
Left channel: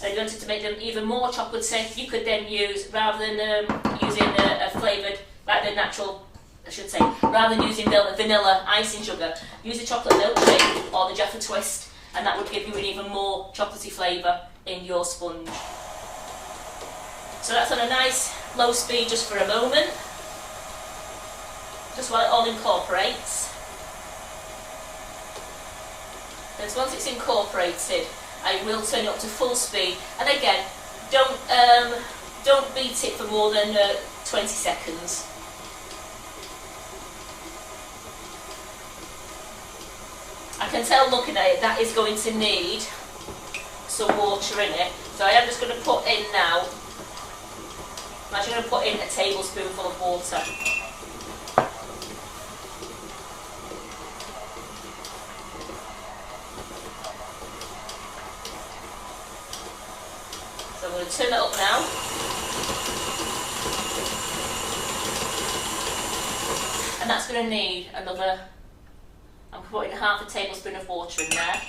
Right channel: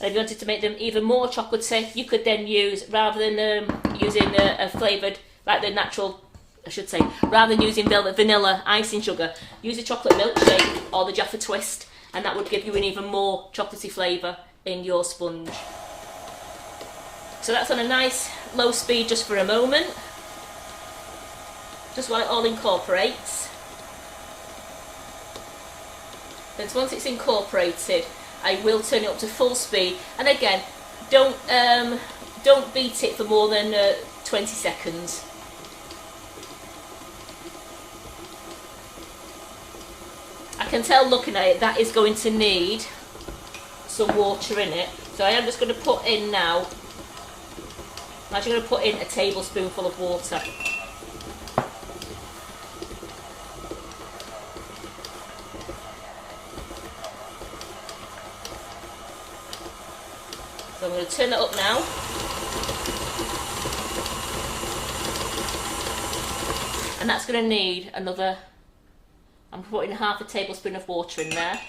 And if you wanted to make them even more chocolatey, you could then use, rather than using a flavoured, like the natural, I should say, rather than using vanilla icing sugar, use a chocolate milkshake or the Jaffa Twist, and that would give you an even more chocolatey flavour in your sponge. So that's on a nice low speed just for a moment, just while it all incorporates. Then once it's incorporated, I will turn it up to full speed, and again, don't beat it for more than 20 seconds. I can tell looking at it that is going to need some water in it, so I am just going to put in now. I'm actually going to put in a tablespoonful of water. So I'm going to turn that up now. And that's going to need another, I'm putting half a tablespoon of water in there.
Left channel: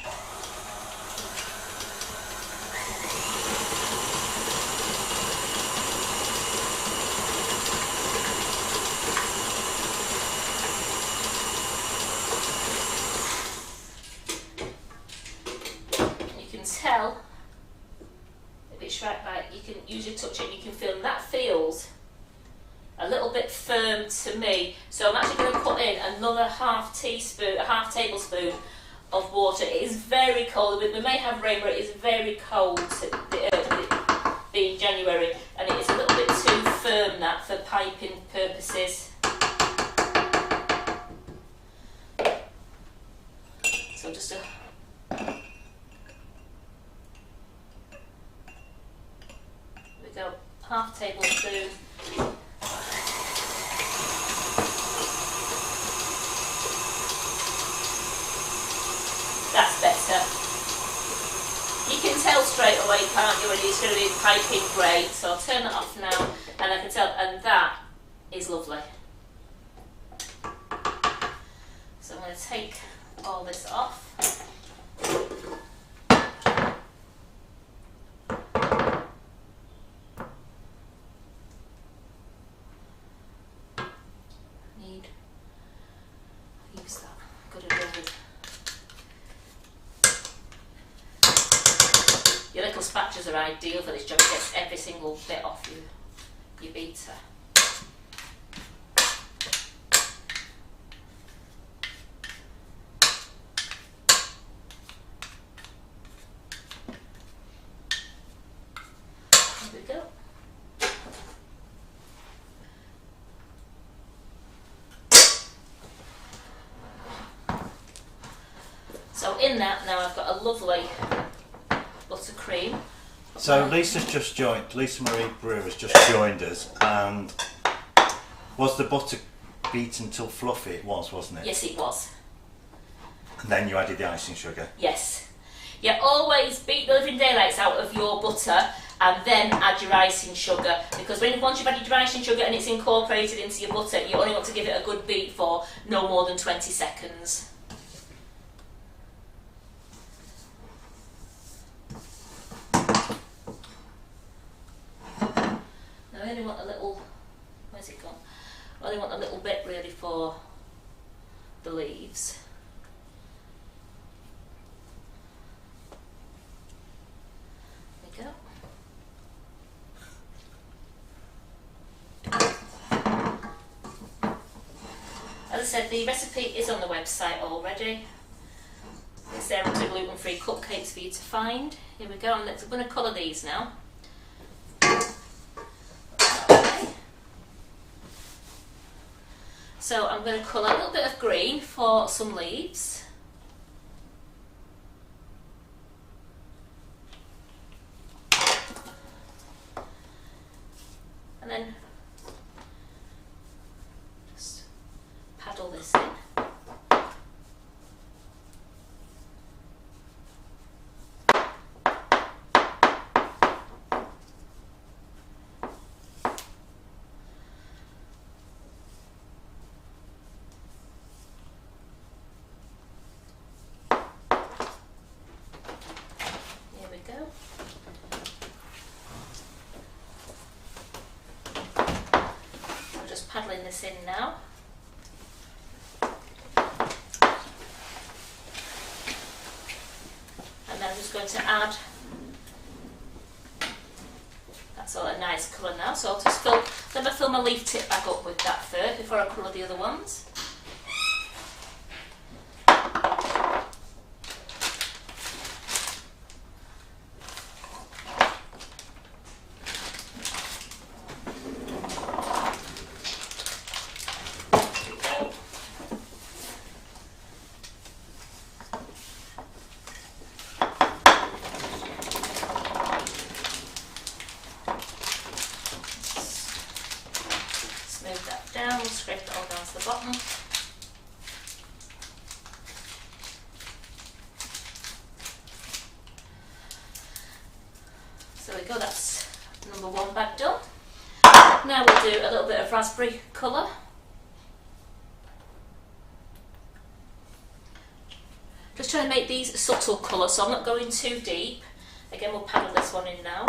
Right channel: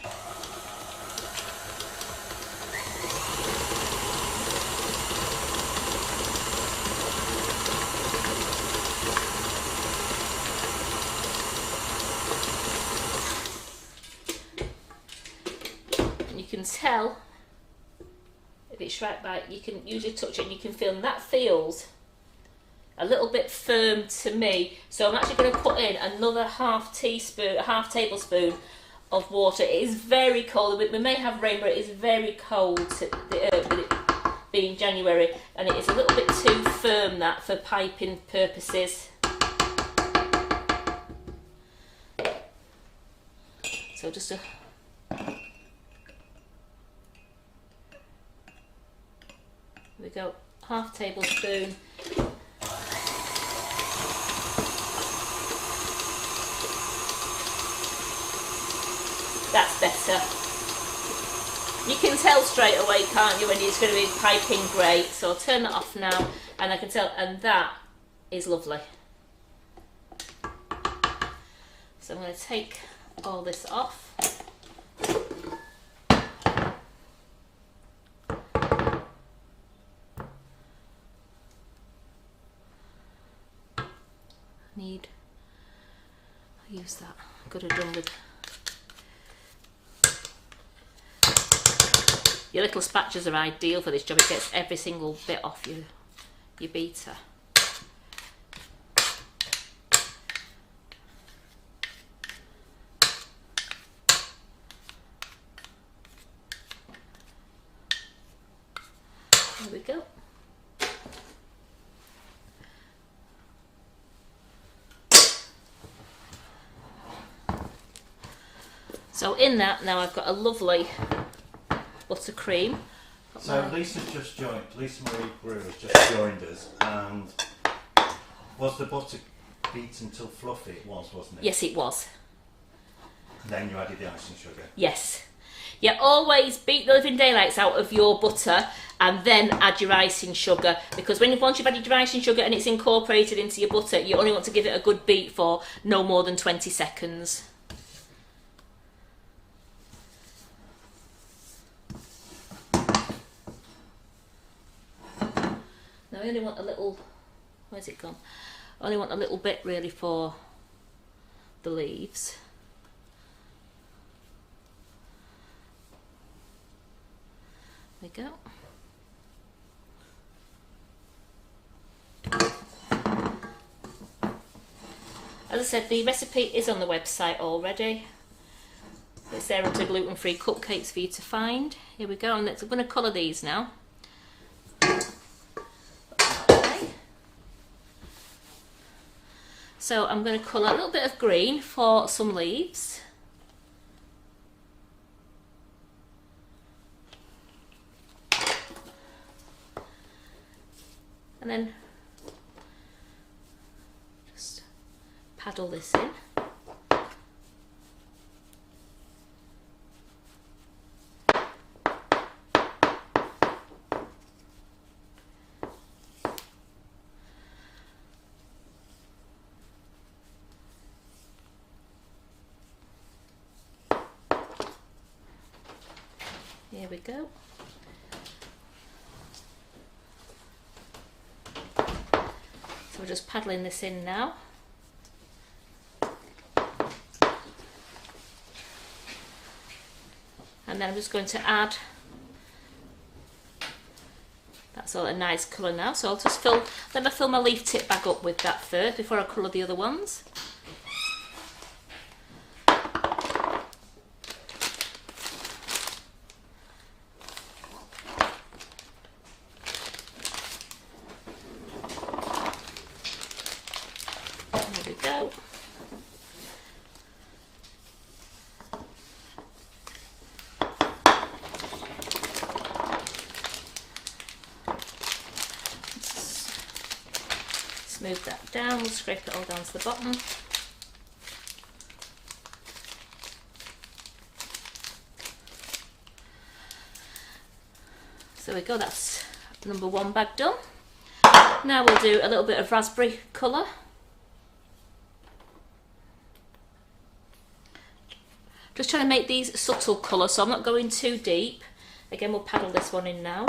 And you can tell if it's right, you can usually touch it and you can feel that feels a little bit firm to me. So I'm actually going to put in another half tablespoon of water. It is very cold. We may have rain, but it is very cold with it being January, and it is a little bit too firm that for piping purposes. So just a we go, half tablespoon. That's better. You can tell straight away, can't you, when it's going to be piping great. So I'll turn that off now, and I can tell, and that is lovely. So I'm going to take all this off. Use that. Could have done with your little spatulas are ideal for this job. It gets every single bit off your beater. There we go. So in that now I've got a lovely buttercream. So Lisa Marie Brewer has just joined us, and was the butter beaten till fluffy? It was, wasn't it? Yes, it was. And then you added the icing sugar? Yes. Yeah, always beat the living daylights out of your butter and then add your icing sugar, because once you've added your icing sugar and it's incorporated into your butter, you only want to give it a good beat for no more than 20 seconds. I only want a little, where's it gone? I only want a little bit really for the leaves. There we go. As I said, the recipe is on the website already. It's there under gluten-free cupcakes for you to find. Here we go, and I'm going to colour these now. So I'm going to colour a little bit of green for some leaves. And then just paddle this in. There we go. So I'm just paddling this in now. And then I'm just going to add, that's all a nice colour now, so I'll just let me fill my leaf tip back up with that first before I colour the other ones. Move that down, we'll scrape it all down to the bottom. So there we go, that's number one bag done. Now we'll do a little bit of raspberry colour. Just trying to make these subtle colours, so I'm not going too deep. Again, we'll paddle this one in now.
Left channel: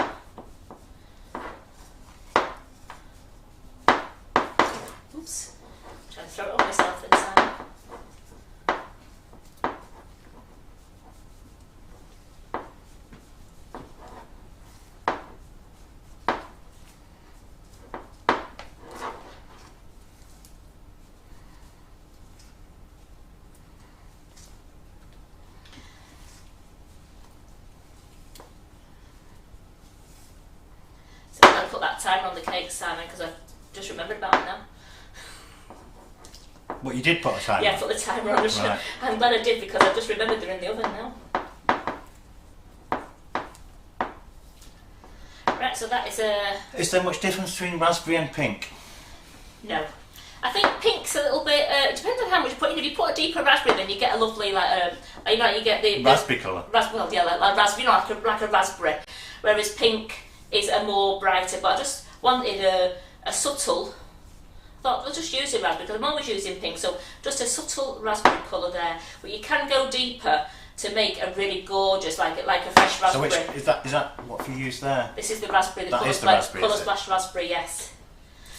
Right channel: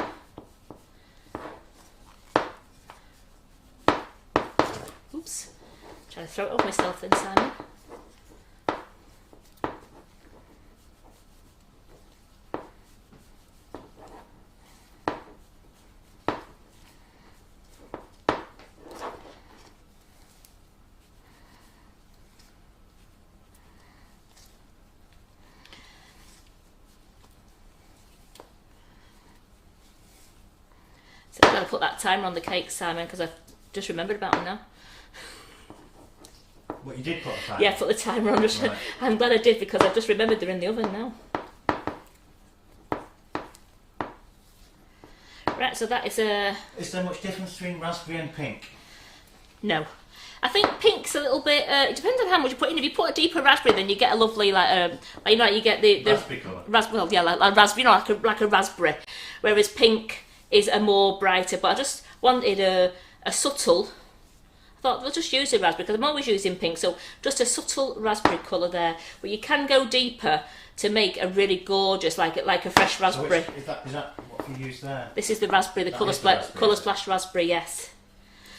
Oops, trying to throw it off myself then, Simon. put that timer on the cake, Simon, because I just remembered about it now. What, you did put a timer? Yeah, I put the timer on. Right. I'm glad I did because I've just remembered they're in the oven now. Right, so that is a... Is there much difference between raspberry and pink? No. I think pink's a little bit... it depends on how much you put in. If you put a deeper raspberry, then you get a lovely, you get the Raspberry colour. Well, yeah, like raspberry, like a raspberry. Whereas pink is a more brighter. But I just wanted a subtle... I thought we'll just use the raspberry because I'm always using pink. So just a subtle raspberry colour there. But you can go deeper to make a really gorgeous, like a fresh raspberry. So which, is that what have you used there? This is the raspberry, the That colour is the raspberry, colour is it? splash raspberry, yes.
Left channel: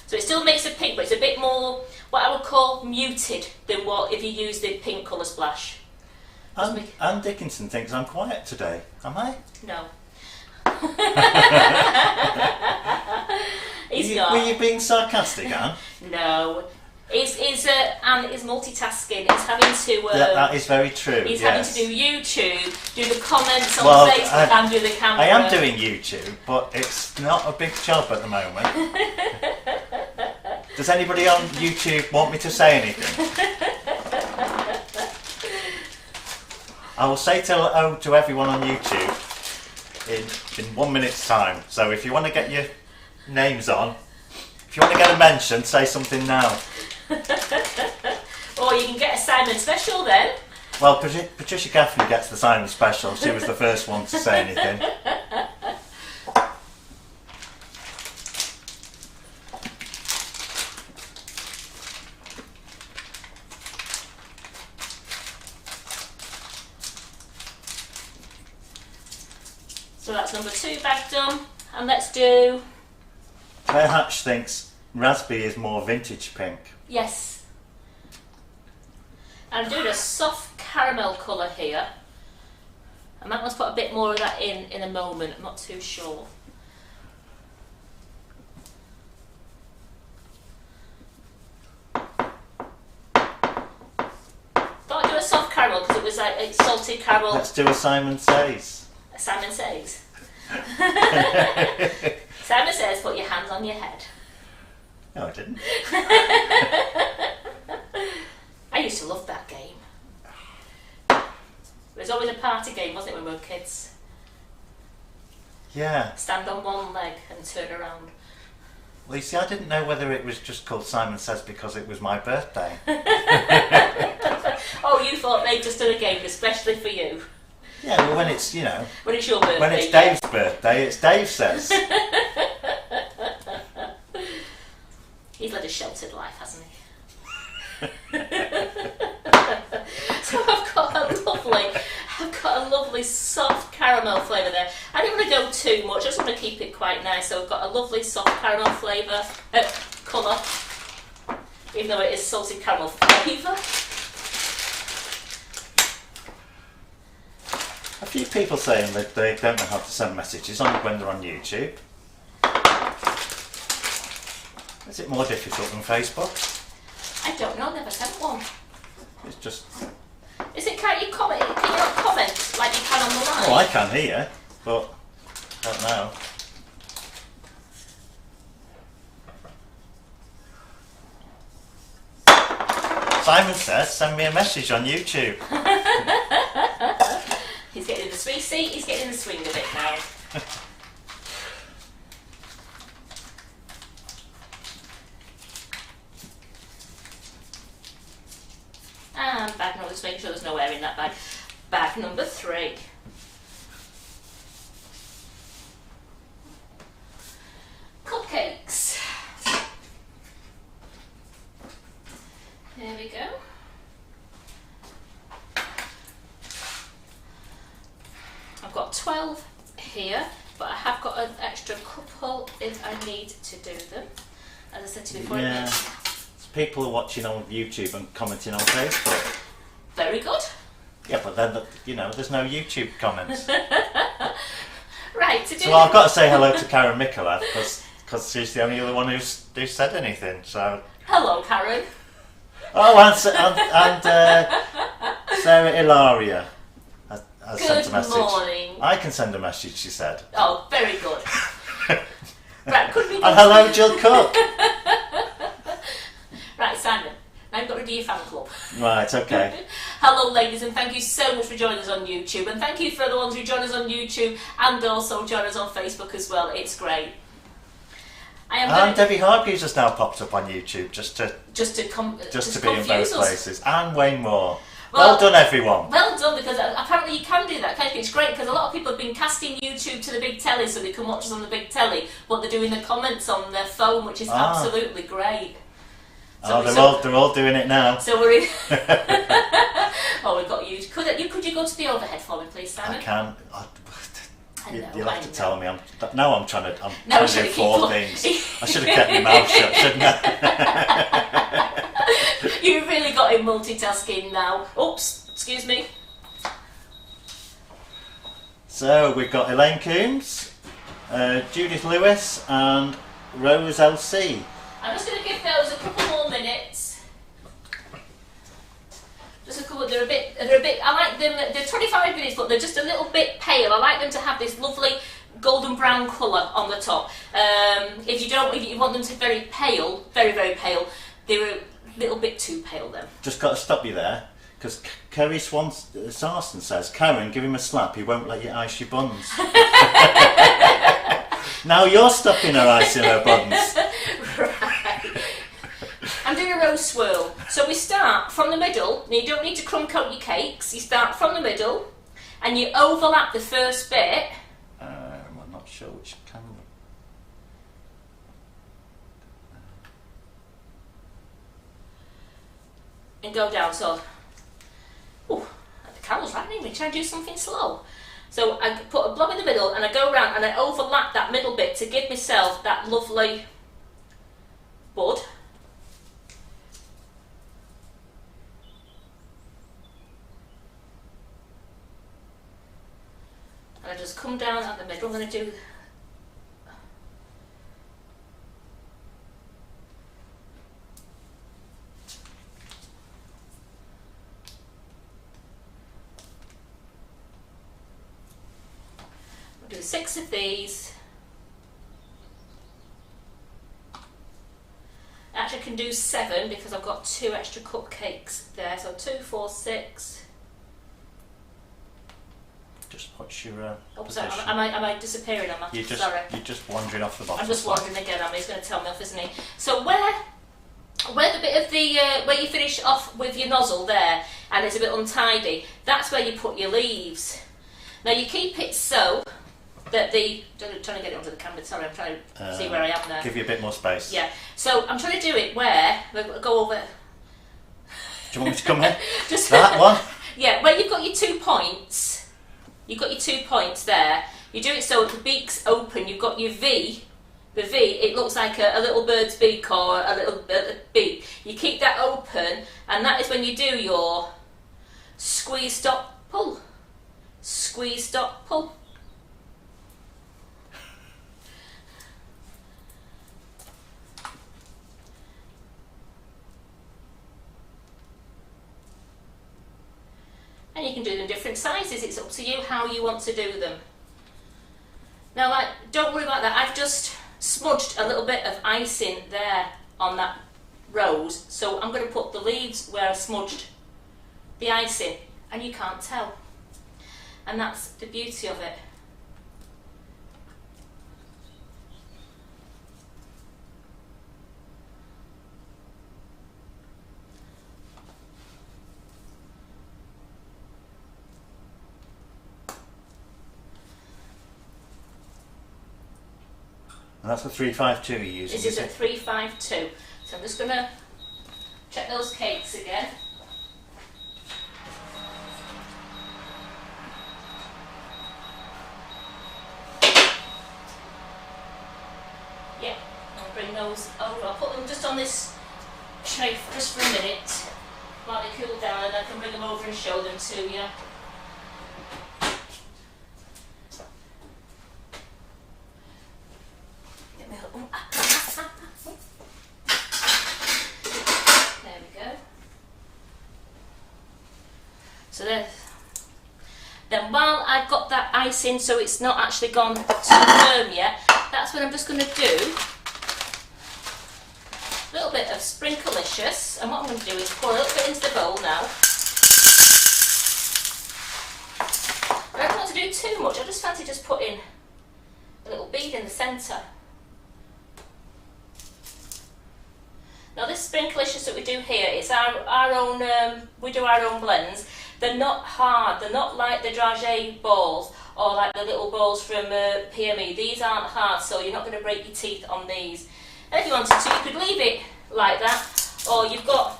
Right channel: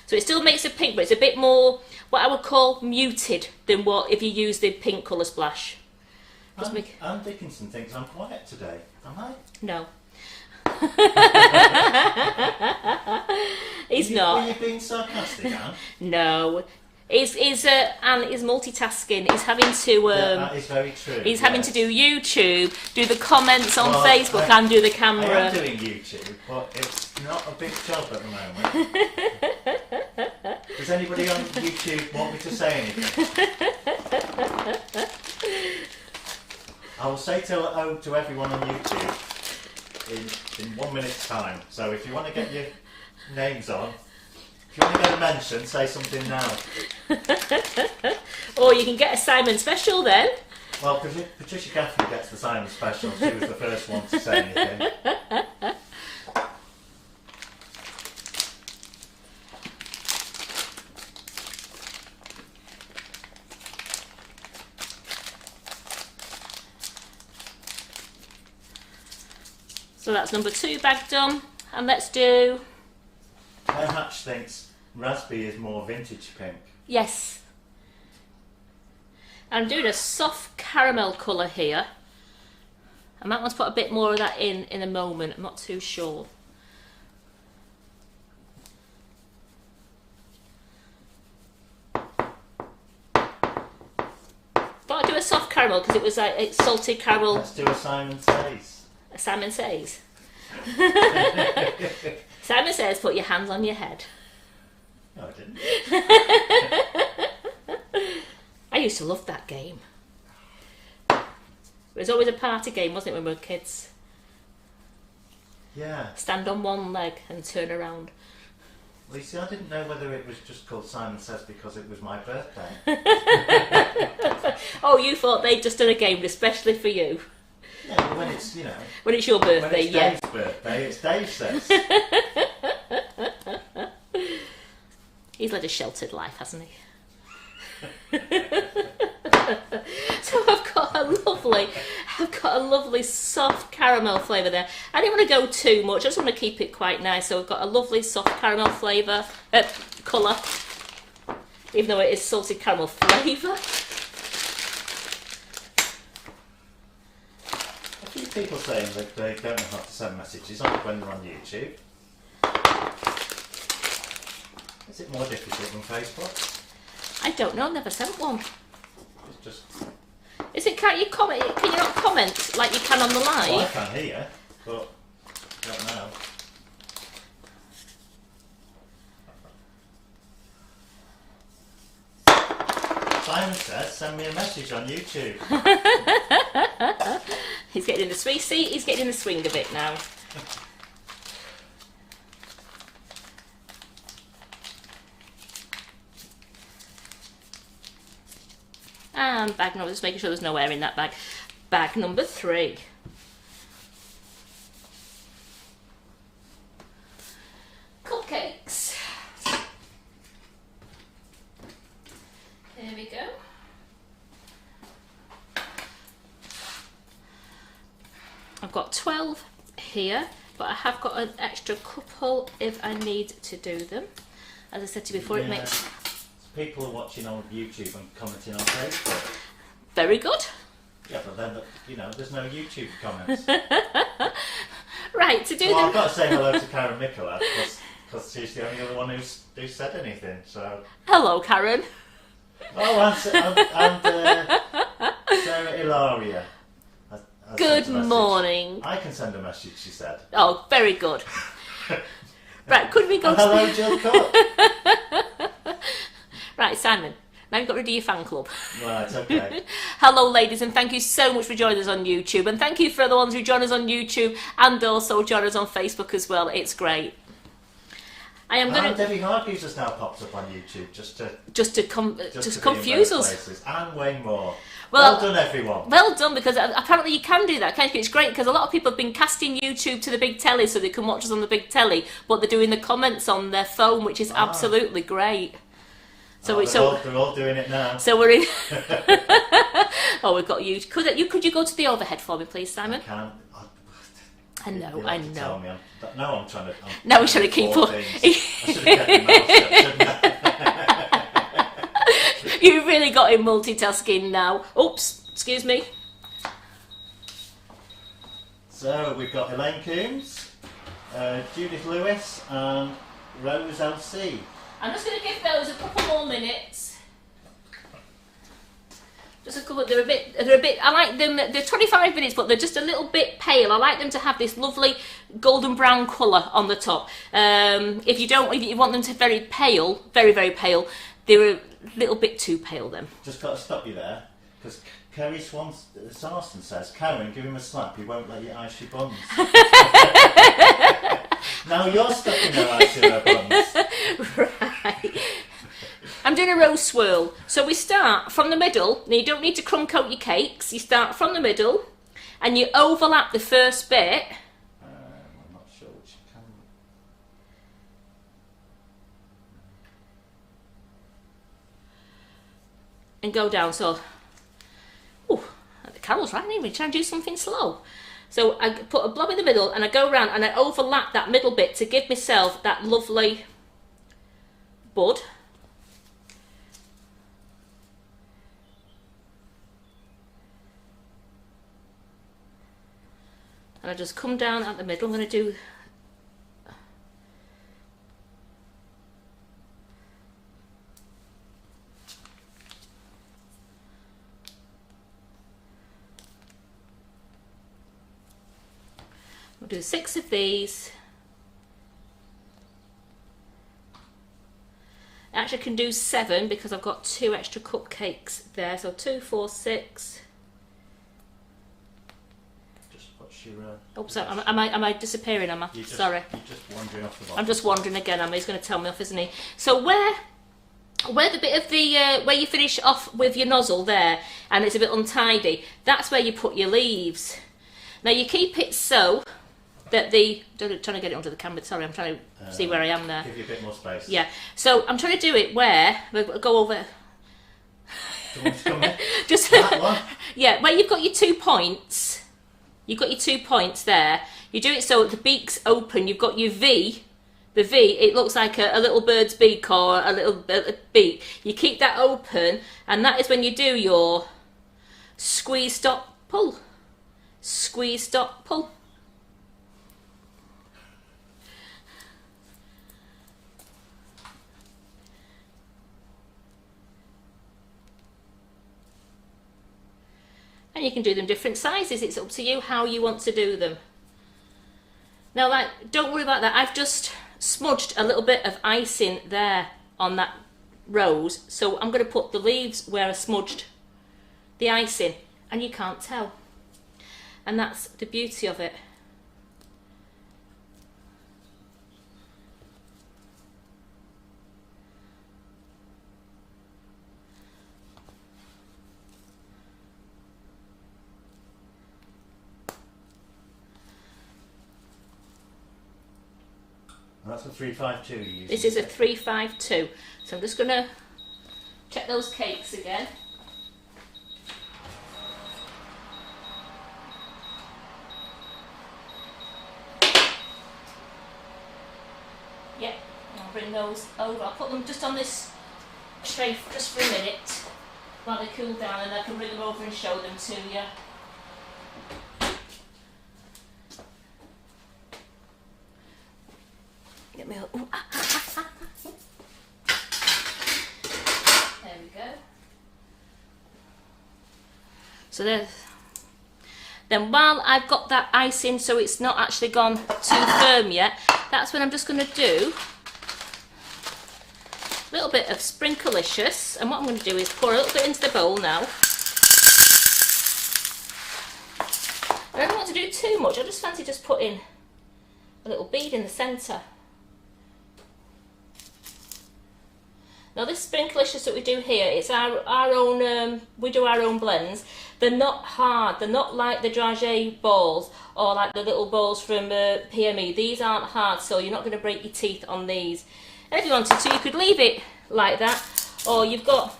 So it still makes a pink, but it's a bit more what I would call muted than what if you use the pink colour splash. Anne Dickinson thinks I'm quiet today. Am I? No. He's not. Were you being sarcastic, Anne? No. Anne is multitasking. He's having to. That is very true. He's yes. having to do YouTube, do the comments on Well, Facebook, and do the camera. I am doing YouTube, but it's not a big job at the moment. Does anybody on YouTube want me to say anything? I will say hello to everyone on YouTube in 1 minute's time. So if you want to get your names on, if you want to get a mention, say something now. Or you can get a Simon special then. Well, Patricia Gaffney gets the Simon special. She was the first one to say anything. So that's number 2 bag done. And let's do... Claire Hatch thinks raspberry is more vintage pink. Yes. I'm doing a soft caramel colour here. I might want to put a bit more of that in a moment. I'm not too sure. Thought I'd do a soft caramel because it was like it's salted caramel. Let's do a Simon Says. A Simon Says. Simon Says, put your hands on your head. No, I didn't. I used to love that game. It was always a party game, wasn't it, when we were kids? Yeah. Stand on one leg and turn around. Well, you see, I didn't know whether it was just called Simon Says because it was my birthday. Oh, you thought they'd just done a game especially for you. Yeah, well, when it's, When it's your birthday, when it's yeah. Dave's birthday, it's Dave Says. He's led a sheltered life, hasn't he? So I've got a lovely soft caramel flavour there. I didn't want to go too much. I just want to keep it quite nice. So I've got a lovely soft caramel flavour, colour, even though it is salted caramel flavour. A few people saying that they don't know how to send messages on when they're on YouTube. Is it more difficult than Facebook? I don't know. I've never sent one. It's just... Can't you comment? Can you not comment like you can on the live? Oh, I can hear, but I don't know. Simon Says, send me a message on YouTube. He's getting in the swing. See, he's getting in the swing of it now. And bag number, just making sure there's no air in that bag. Bag number 3. Cupcakes. There we go. I've got 12 here, but I have got an extra couple if I need to do them. As I said to you before, it makes... People are watching on YouTube and commenting on Facebook. Very good. Yeah, but then, there's no YouTube comments. Right, to do So I've got to say hello to Karen Mikola because she's the only other one who's said anything. So. Hello, Karen. Oh, and Sarah Ilaria has sent a Good message. morning. I can send a message, she said. Oh, very good. Right, could we go And hello, Jill Cook. Right, Simon, now you've got rid of your fan club. Right, okay. Hello, ladies, and thank you so much for joining us on YouTube. And thank you for the ones who join us on YouTube and also join us on Facebook as well. It's great. And Debbie Hargreaves has now popped up on YouTube just to be confuse in both us. places. And Wayne Moore. Well done, everyone. Well done, because apparently you can do that, can't you? It's great because a lot of people have been casting YouTube to the big telly so they can watch us on the big telly, but they're doing the comments on their phone, which is absolutely great. So they're all doing it now. So we're in. Oh, we've got you. Could you go to the overhead for me, please, Simon? I can. You'll have to tell me. Now I'm trying to. Now we're trying to keep up. Things. I should have kept my mouth shut, shouldn't I? You've really got him multitasking now. Oops, excuse me. So we've got Elaine Coombs, Judith Lewis, and Rose LC. I'm just going to give those a couple more minutes. Just a couple. They're a bit. I like them. They're 25 minutes, but they're just a little bit pale. I like them to have this lovely golden brown colour on the top. If you want them to very pale, very very pale, they're a little bit too pale then. Just got to stop you there, because Kerry Sarson says, Karen, give him a slap. He won't let you ice your buns. Now you're stuffing her ice in her buns. Right. I'm doing a rose swirl. So we start from the middle. Now you don't need to crumb coat your cakes. You start from the middle and you overlap the first bit. I'm not sure which camera. And go down. So, the Carol's right, didn't we? Try to do something slow. So I put a blob in the middle and I go around and I overlap that middle bit to give myself that lovely bud. And I just come down at the middle. I'm going to do I'll do 6 of these. I actually can do 7 because I've got 2 extra cupcakes there. So 2, 4, 6. Just watch your. Sorry, am I disappearing? Sorry. You're just wandering off the bottom. I'm just wandering again. He's going to tell me off, isn't he? So where the bit of the where you finish off with your nozzle there, and it's a bit untidy, that's where you put your leaves. Now you keep it so that trying to get it onto the camera. Sorry, I'm trying to see where I am there. Give you a bit more space. Yeah. So I'm trying to do it where go over. Do you want me to come in? Just that one. Yeah, where you've got your 2 points. You've got your 2 points there. You do it so the beak's open. You've got your V. The V, it looks like a little bird's beak or a little beak. You keep that open, and that is when you do your squeeze, stop, pull. Squeeze, stop, pull. And you can do them different sizes. It's up to you how you want to do them. Now, don't worry about that. I've just smudged a little bit of icing there on that rose. So I'm going to put the leaves where I smudged the icing. And you can't tell. And that's the beauty of it. And that's a 352 you're using. This is a 352. So I'm just going to check those cakes again. Yeah, I'll bring those over. I'll put them just on this tray just for a minute while they cool down, and I can bring them over and show them to you. Get me there we go. So there's. Then while I've got that icing so it's not actually gone too firm yet, that's when I'm just going to do a little bit of Sprinklicious, and what I'm going to do is pour a little bit into the bowl now. I don't want to do too much, I just fancy just putting a little bead in the centre. Now this Sprinklicious that we do here, it's our own, we do our own blends. They're not hard, they're not like the dragée balls or like the little balls from PME. These aren't hard, so you're not going to break your teeth on these. And if you wanted to, you could leave it like that, or you've got,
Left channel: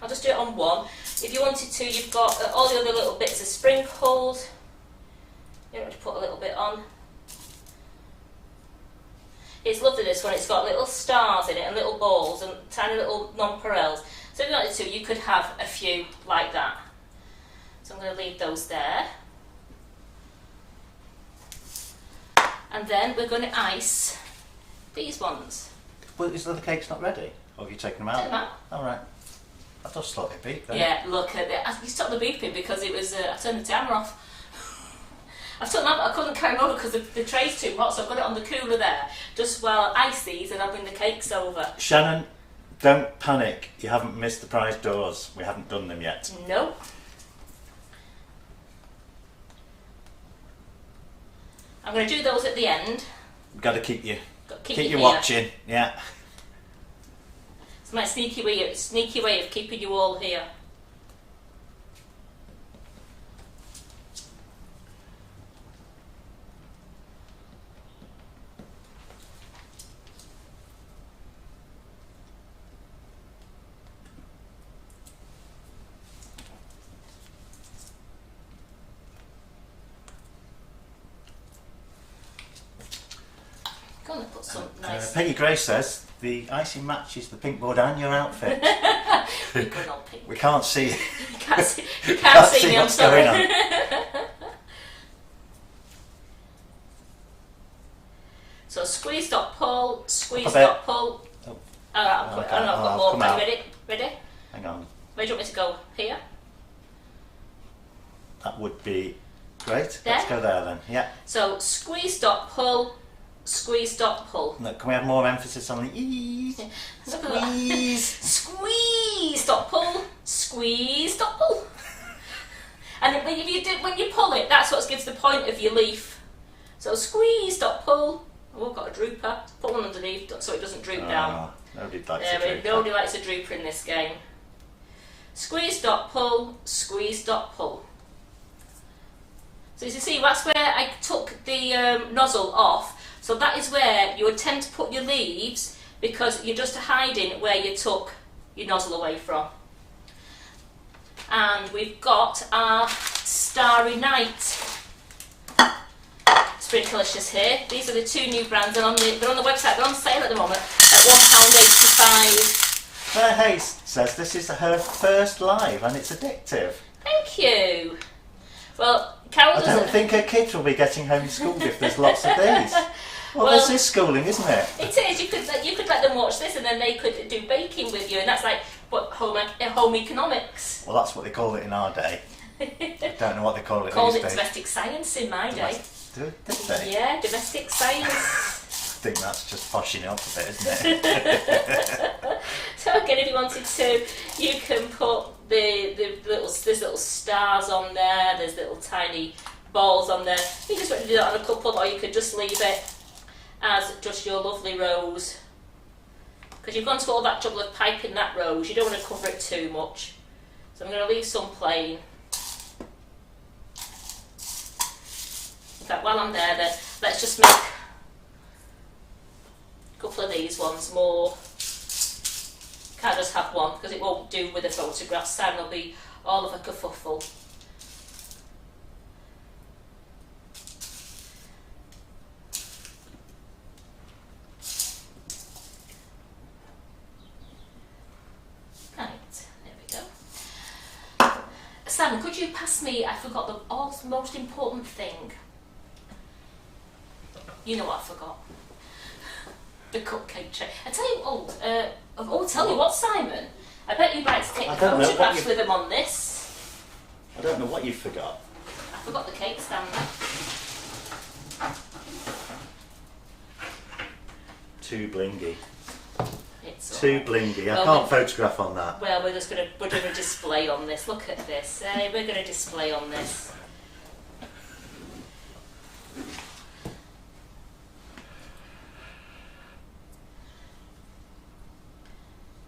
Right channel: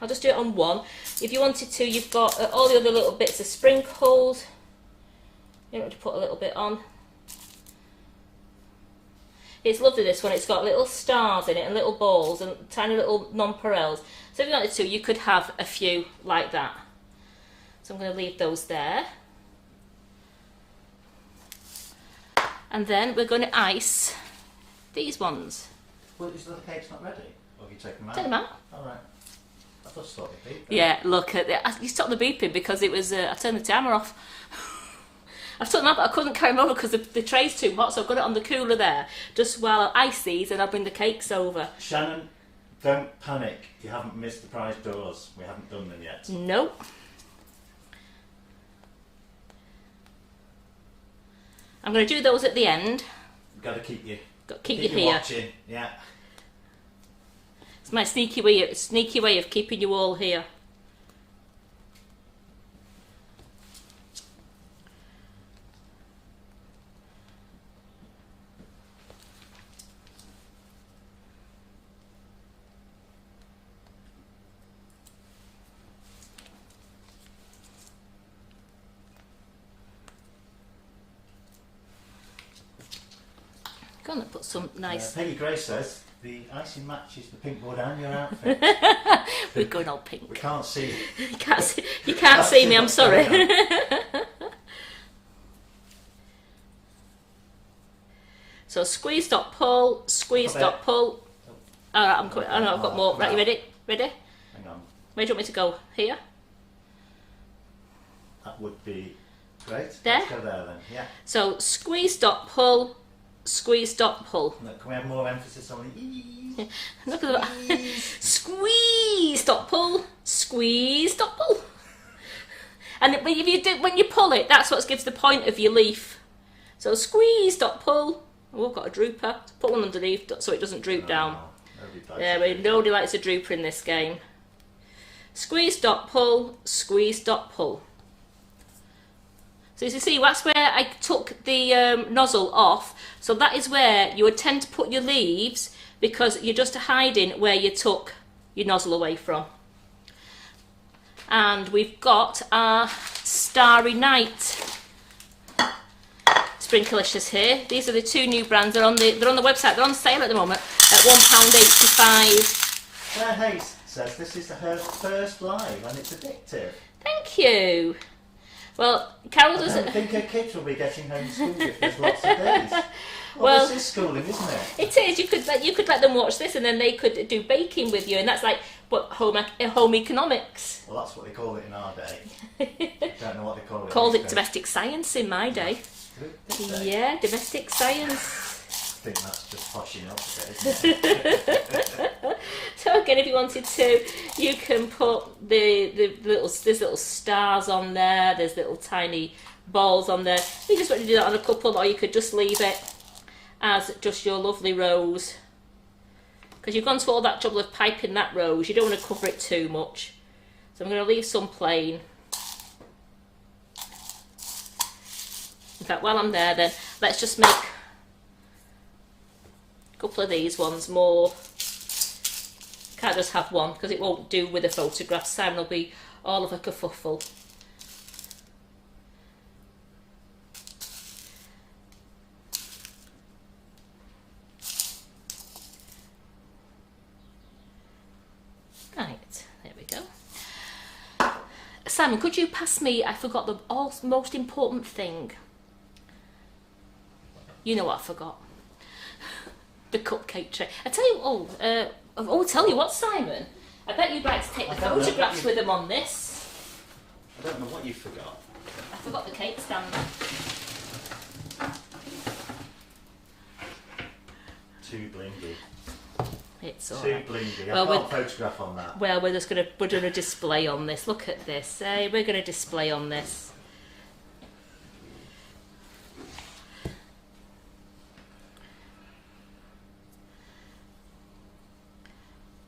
I'll just do it on one. If you wanted to, you've got all the other little bits of sprinkles. You don't have to put a little bit on. It's lovely, this one. It's got little stars in it and little balls and tiny little nonpareils. So if you wanted to, you could have a few like that. So I'm going to leave those there. And then we're going to ice these ones. Well, is the cake's not ready? Or have you taken them out? Take them out. All right. I just thought it'd beep then. Yeah, look at it. You stopped the beeping because it was. I turned the timer off. I've took them out, but I couldn't carry them over because the tray's too hot, so I've got it on the cooler there. Just while I ice these, and I'll bring the cakes over. Shannon, don't panic. You haven't missed the prize doors. We haven't done them yet. Nope. I'm going to do those at the end. Got to keep you. Keep you here. watching. Yeah. It's my sneaky way of keeping you all here. Going to put some nice. Peggy Gray says the icing matches the pink board and your outfit. We're going all pink. We can't see. You can't see me. I'm sorry. So squeeze, dot, pull, squeeze, dot, pull. Oh. I've got more. Are you ready? Ready? Hang on. Where do you want me to go? Here? That would be great. There? Let's go there then. Yeah. So squeeze, dot, pull, squeeze, dot, pull. Look, can we have more emphasis on the ease? Look at that. Squeeze. Squeeze, dot, pull, squeeze, dot, pull. And when you pull it, that's what gives the point of your leaf. So squeeze, dot, pull. Oh, I've got a drooper. Put one underneath so it doesn't droop down. Nobody likes a drooper. Nobody likes a drooper in this game. Squeeze, dot, pull, squeeze, dot, pull. So as you see, that's where I took the nozzle off. So that is where you would tend to put your leaves because you're just hiding where you took your nozzle away from. And we've got our Starry Night Sprinklicious here. These are the two new brands. They're on the website. They're on sale at the moment at £1.85. Claire Hayes says this is her first live and it's addictive. Thank you. Well, Carol doesn't. I don't think her kids will be getting homeschooled if there's lots of these. Well, this is schooling, isn't it? It is. You could let them watch this, and then they could do baking with you, and that's like what home economics. Well, that's what they called it in our day. I don't know what they call it. Called these it days. domestic science in my day. Did they? Yeah, domestic science. I think that's just poshing up a bit, isn't it? So again, if you wanted to, you can put there's little stars on there. There's little tiny balls on there. You just want to do that on a couple, or you could just leave it as just your lovely rose. Because you've gone to all that trouble of piping that rose, you don't want to cover it too much. So I'm going to leave some plain. In fact, while I'm there, then let's just make a couple of these ones more. Can't just have one because it won't do with the photographs. Time will be all of a kerfuffle. Right, there we go. Simon, could you pass me? I forgot the most important thing. You know what I forgot. The cupcake tray. I tell you, tell you what, Simon. I bet you'd like to take the photographs with them on this. I don't know what you forgot. I forgot the cake stand. too blingy. It's Too alright. blingy. I Well, can't photograph on that. Well, we're doing a display on this. Look at this. Hey, we're going to display on this.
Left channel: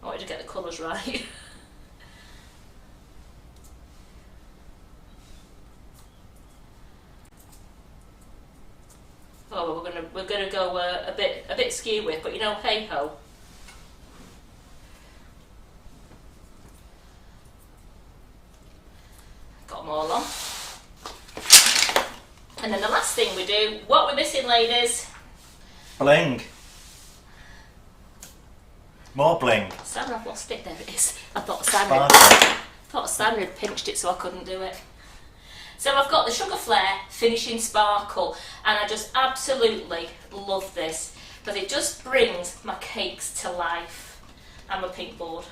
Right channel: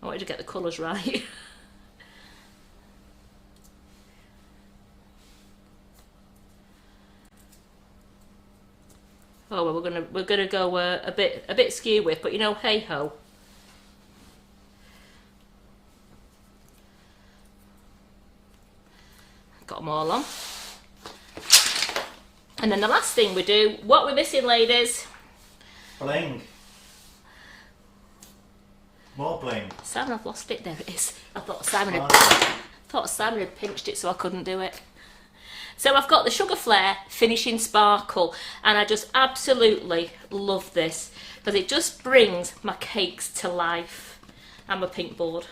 I wanted to get the colours right. Oh well, we're gonna go a bit skew with, but you know, hey ho. Got them all on. And then the last thing we do, what we're missing, ladies? Bling. More bling. Simon, I've lost it. There it is. I thought Simon had pinched it, so I couldn't do it. So I've got the Sugar Flare Finishing Sparkle, and I just absolutely love this because it just brings my cakes to life. And my pink board.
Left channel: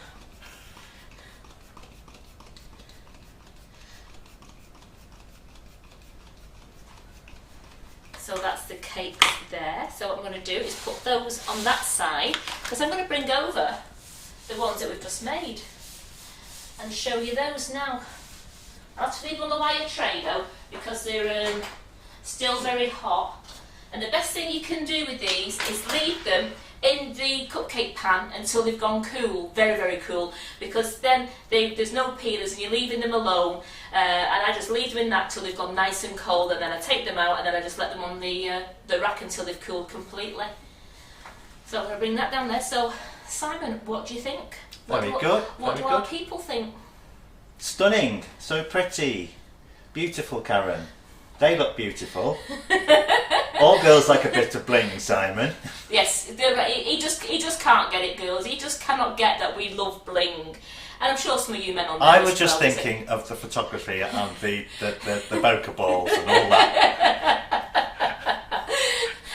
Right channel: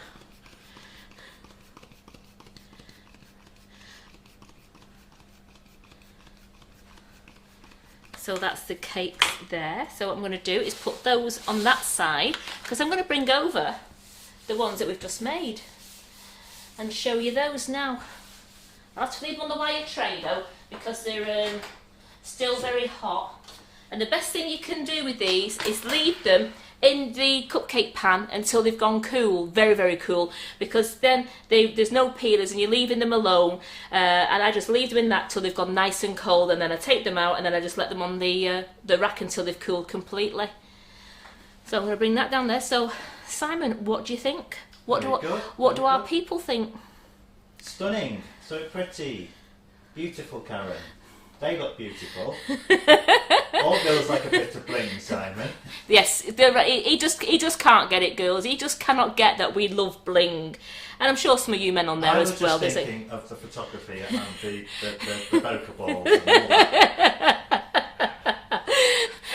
So that's the cake there. So what I'm going to do is put those on that side because I'm going to bring over the ones that we've just made and show you those now. I'll have to leave them on the wire tray though because they're still very hot. And the best thing you can do with these is leave them in the cupcake pan until they've gone cool, very, very cool, because then there's no peelers and you're leaving them alone. And I just leave them in that till they've gone nice and cold, and then I take them out and then I just let them on the rack until they've cooled completely. So I'm going to bring that down there. So Simon, what do you think? What do our people think? Stunning, so pretty, beautiful, Karen. They look beautiful. All girls like a bit of bling, Simon. Yes, he just can't get it, girls. He just cannot get that we love bling. And I'm sure some of you men on there I as was just well, thinking of the photography and the bokeh balls and all that.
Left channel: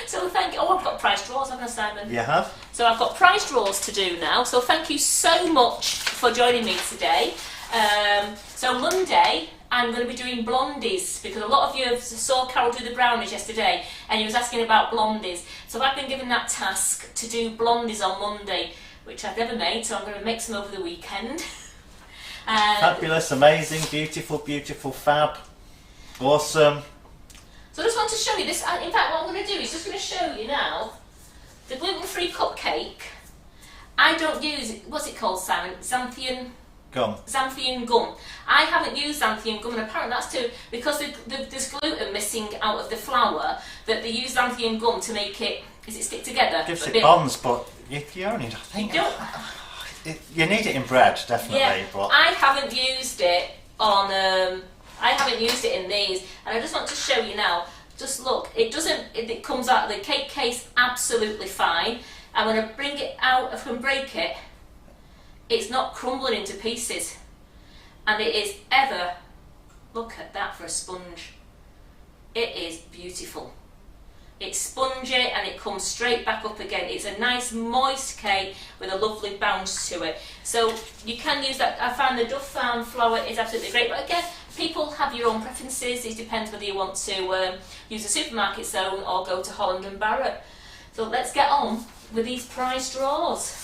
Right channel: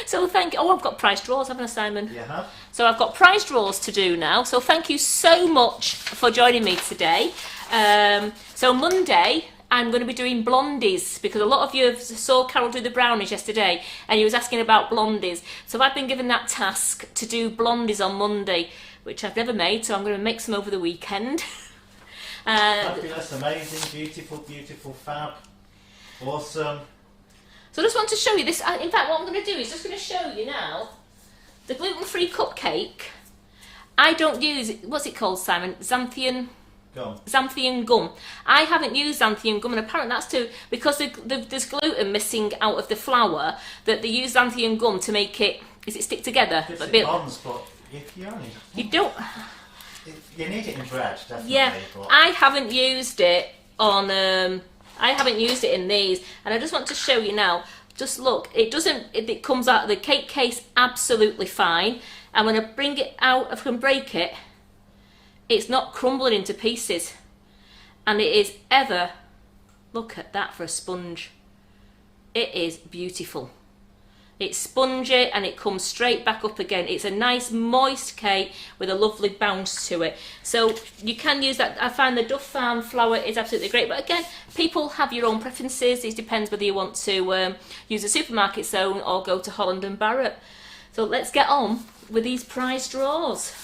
So thank you. Oh, I've got prize draws, haven't I, Simon? You have? So I've got prize draws to do now. So thank you so much for joining me today. So Monday, I'm going to be doing blondies because a lot of you saw Carol do the brownies yesterday and he was asking about blondies. So I've been given that task to do blondies on Monday, which I've never made, so I'm going to make some over the weekend. Fabulous, amazing, beautiful, beautiful, fab, awesome. So I just want to show you this. In fact, what I'm going to do is just going to show you now the gluten-free cupcake. I don't use, what's it called, Simon? Xanthian gum. I haven't used xanthian gum, and apparently that's because there's gluten missing out of the flour, that they use xanthian gum to make it, stick together? Gives it bonds, but you only, I think, you don't. You need it in bread, definitely. Yeah, but I haven't used it on. I haven't used it in these, and I just want to show you now. Just look, it doesn't. It comes out of the cake case absolutely fine, and when I bring it out, I can break it. It's not crumbling into pieces, and it is ever. Look at that for a sponge. It is beautiful. It's spongy and it comes straight back up again. It's a nice moist cake with a lovely bounce to it. So you can use that. I find the Duff Farm flour is absolutely great, but again, people have your own preferences. It depends whether you want to use a supermarket's own or go to Holland and Barrett. So let's get on with these prize draws.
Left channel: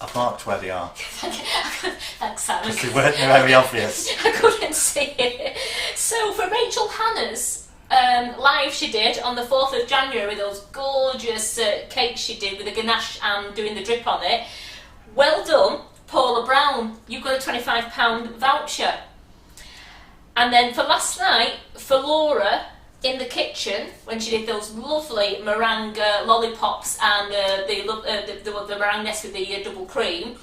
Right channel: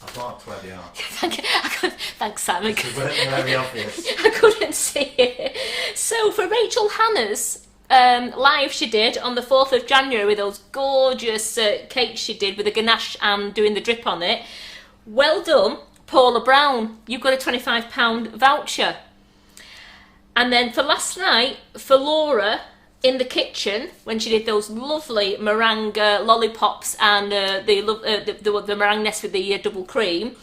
I've marked where they are. Thanks, Simon. Because they weren't very obvious. I couldn't see it. So for Rachel Hannah's live she did on the 4th of January with those gorgeous cakes she did with the ganache and doing the drip on it. Well done, Paula Brown. You've got a £25 voucher. And then for last night, for Laura in the kitchen, when she did those lovely meringue lollipops and the meringue nest with the double cream,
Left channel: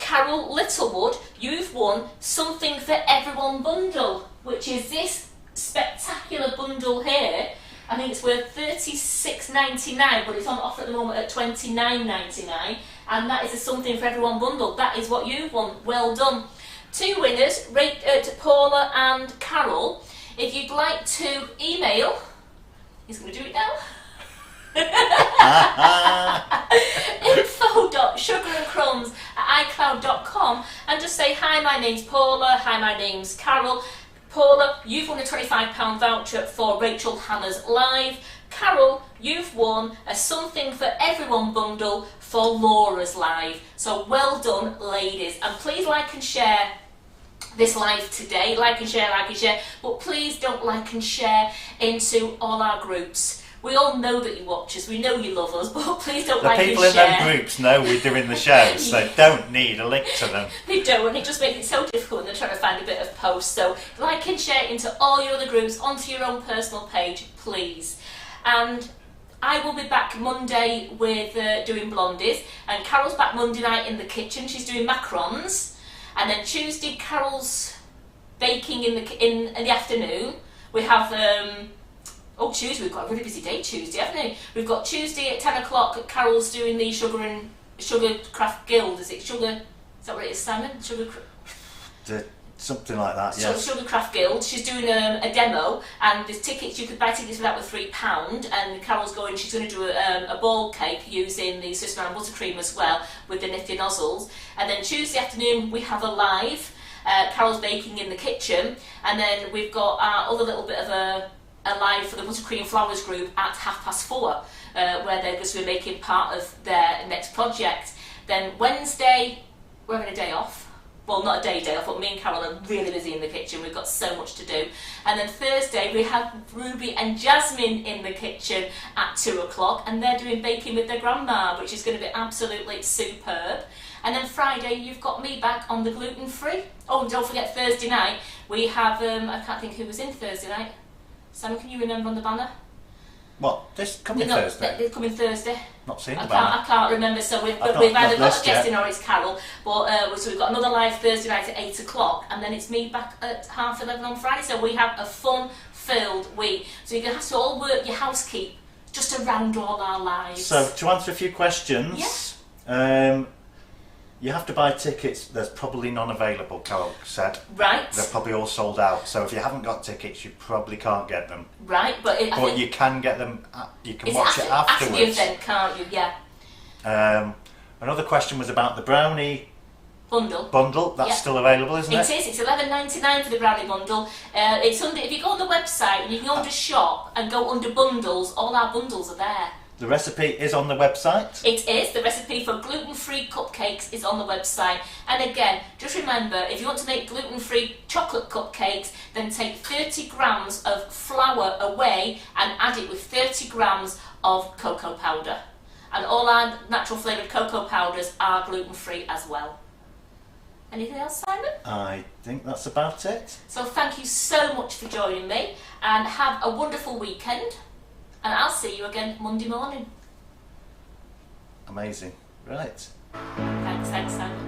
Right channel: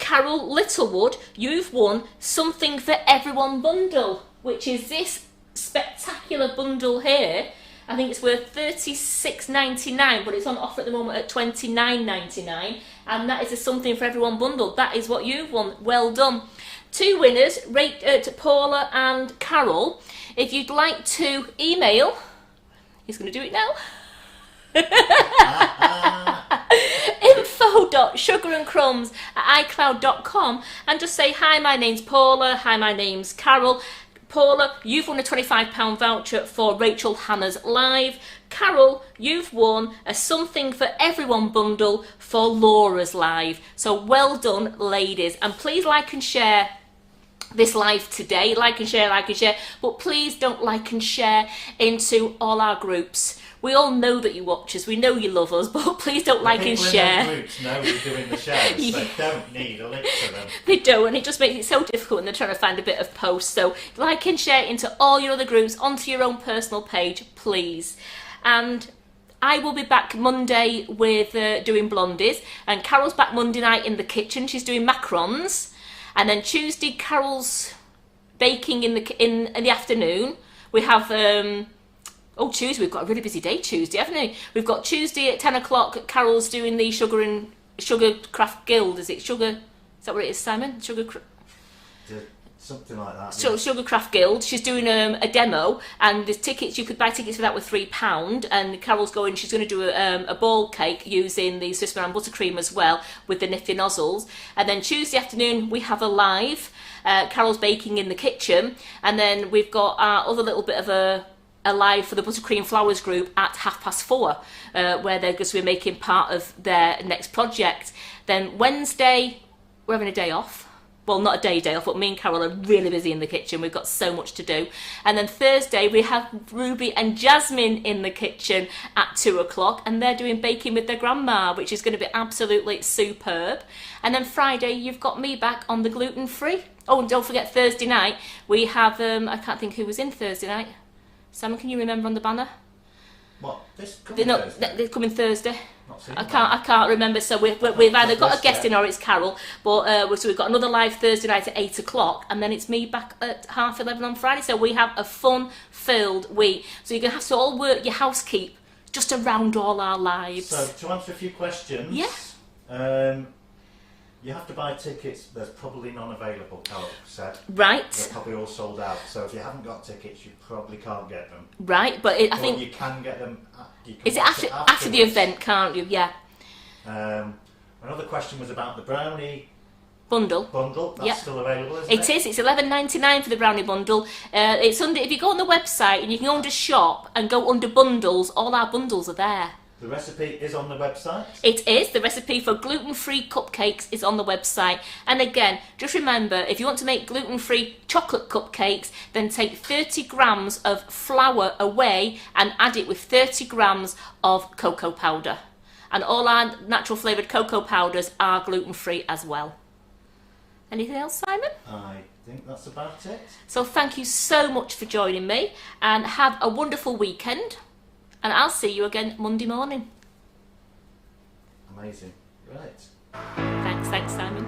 Carol Littlewood, you've won Something for Everyone bundle, which is this spectacular bundle here. I think it's worth $36.99, but it's on offer at the moment at $29.99, and that is a Something for Everyone bundle. That is what you've won. Well done. Two winners, to Paula and Carol. If you'd like to email, he's going to do it now. info.sugarandcrumbs@icloud.com and just say, hi, my name's Paula, hi, my name's Carol. Paula, you've won a £25 voucher for Rachel Hannah's Live. Carol, you've won a Something for Everyone bundle for Laura's Live. So well done, ladies. And please like and share this live today. Like and share, but please don't like and share into all our groups. We all know that you watch us, we know you love us, but please don't like and share. The people in them groups know we're doing the shows, Yeah. They don't need a link to them. They don't, and it just makes it so difficult when they're trying to find a bit of post. So like and share into all your other groups, onto your own personal page, please. And I will be back Monday with doing blondies, and Carol's back Monday night in the kitchen. She's doing macarons, and then Tuesday Carol's baking in the afternoon. We have Tuesday, we've got a really busy day Tuesday, haven't we? We've got Tuesday at 10 o'clock, Carol's doing the Sugar Craft Guild, is that what it is, Simon? Something like that, yes. Sugar Craft Guild. She's doing a demo, and there's tickets, you could buy tickets for that with £3, and Carol's she's going to do a ball cake using the Swiss brown buttercream as well, with the nifty nozzles. And then Tuesday afternoon we have a live, Carol's baking in the kitchen, and then we've got our other little bit of a live for the Buttercream Flowers group at 4:30, where they're going to be making part of their next project. Then Wednesday, we're having a day off. Well, not a day off, but me and Carol are really busy in the kitchen. We've got so much to do. And then Thursday, we have Ruby and Jasmine in the kitchen at 2 o'clock, and they're doing baking with their grandma, which is going to be absolutely superb. And then Friday, you've got me back on the gluten-free. Oh, and don't forget Thursday night, we have, I can't think who was in Thursday night. Sam, can you remember on the banner? What? This coming Thursday? They're coming Thursday. Not seen the I can't remember. So we've either got a guest in or it's Carol. But so we've got another live Thursday night at 8 o'clock, and then it's me back at 11:30 on Friday. So we have a fun-filled week. So you're going to have to all work your housekeep just around all our lives. So to answer a few questions, you have to buy tickets. There's probably none available, Carol said. Right. They're probably all sold out. So if you haven't got tickets, you probably can't get them. Right, but I think you can get them. You can watch it afterwards. After the event, can't you? Yeah. Another question was about the brownie bundle. That's still available, isn't it? It is. It's $11.99 for the brownie bundle. It's under. If you go on the website and you can go under shop and go under bundles, all our bundles are there. The recipe is on the website. It is. The recipe for gluten-free cupcakes is on the website. And again, just remember, if you want to make gluten-free chocolate cupcakes, then take 30 grams of flour away and add it with 30 grams of cocoa powder. And all our natural flavoured cocoa powders are gluten-free as well. Anything else, Simon? I think that's about it. So thank you so much for joining me, and have a wonderful weekend. And I'll see you again Monday morning. Amazing. Right. Thanks Simon.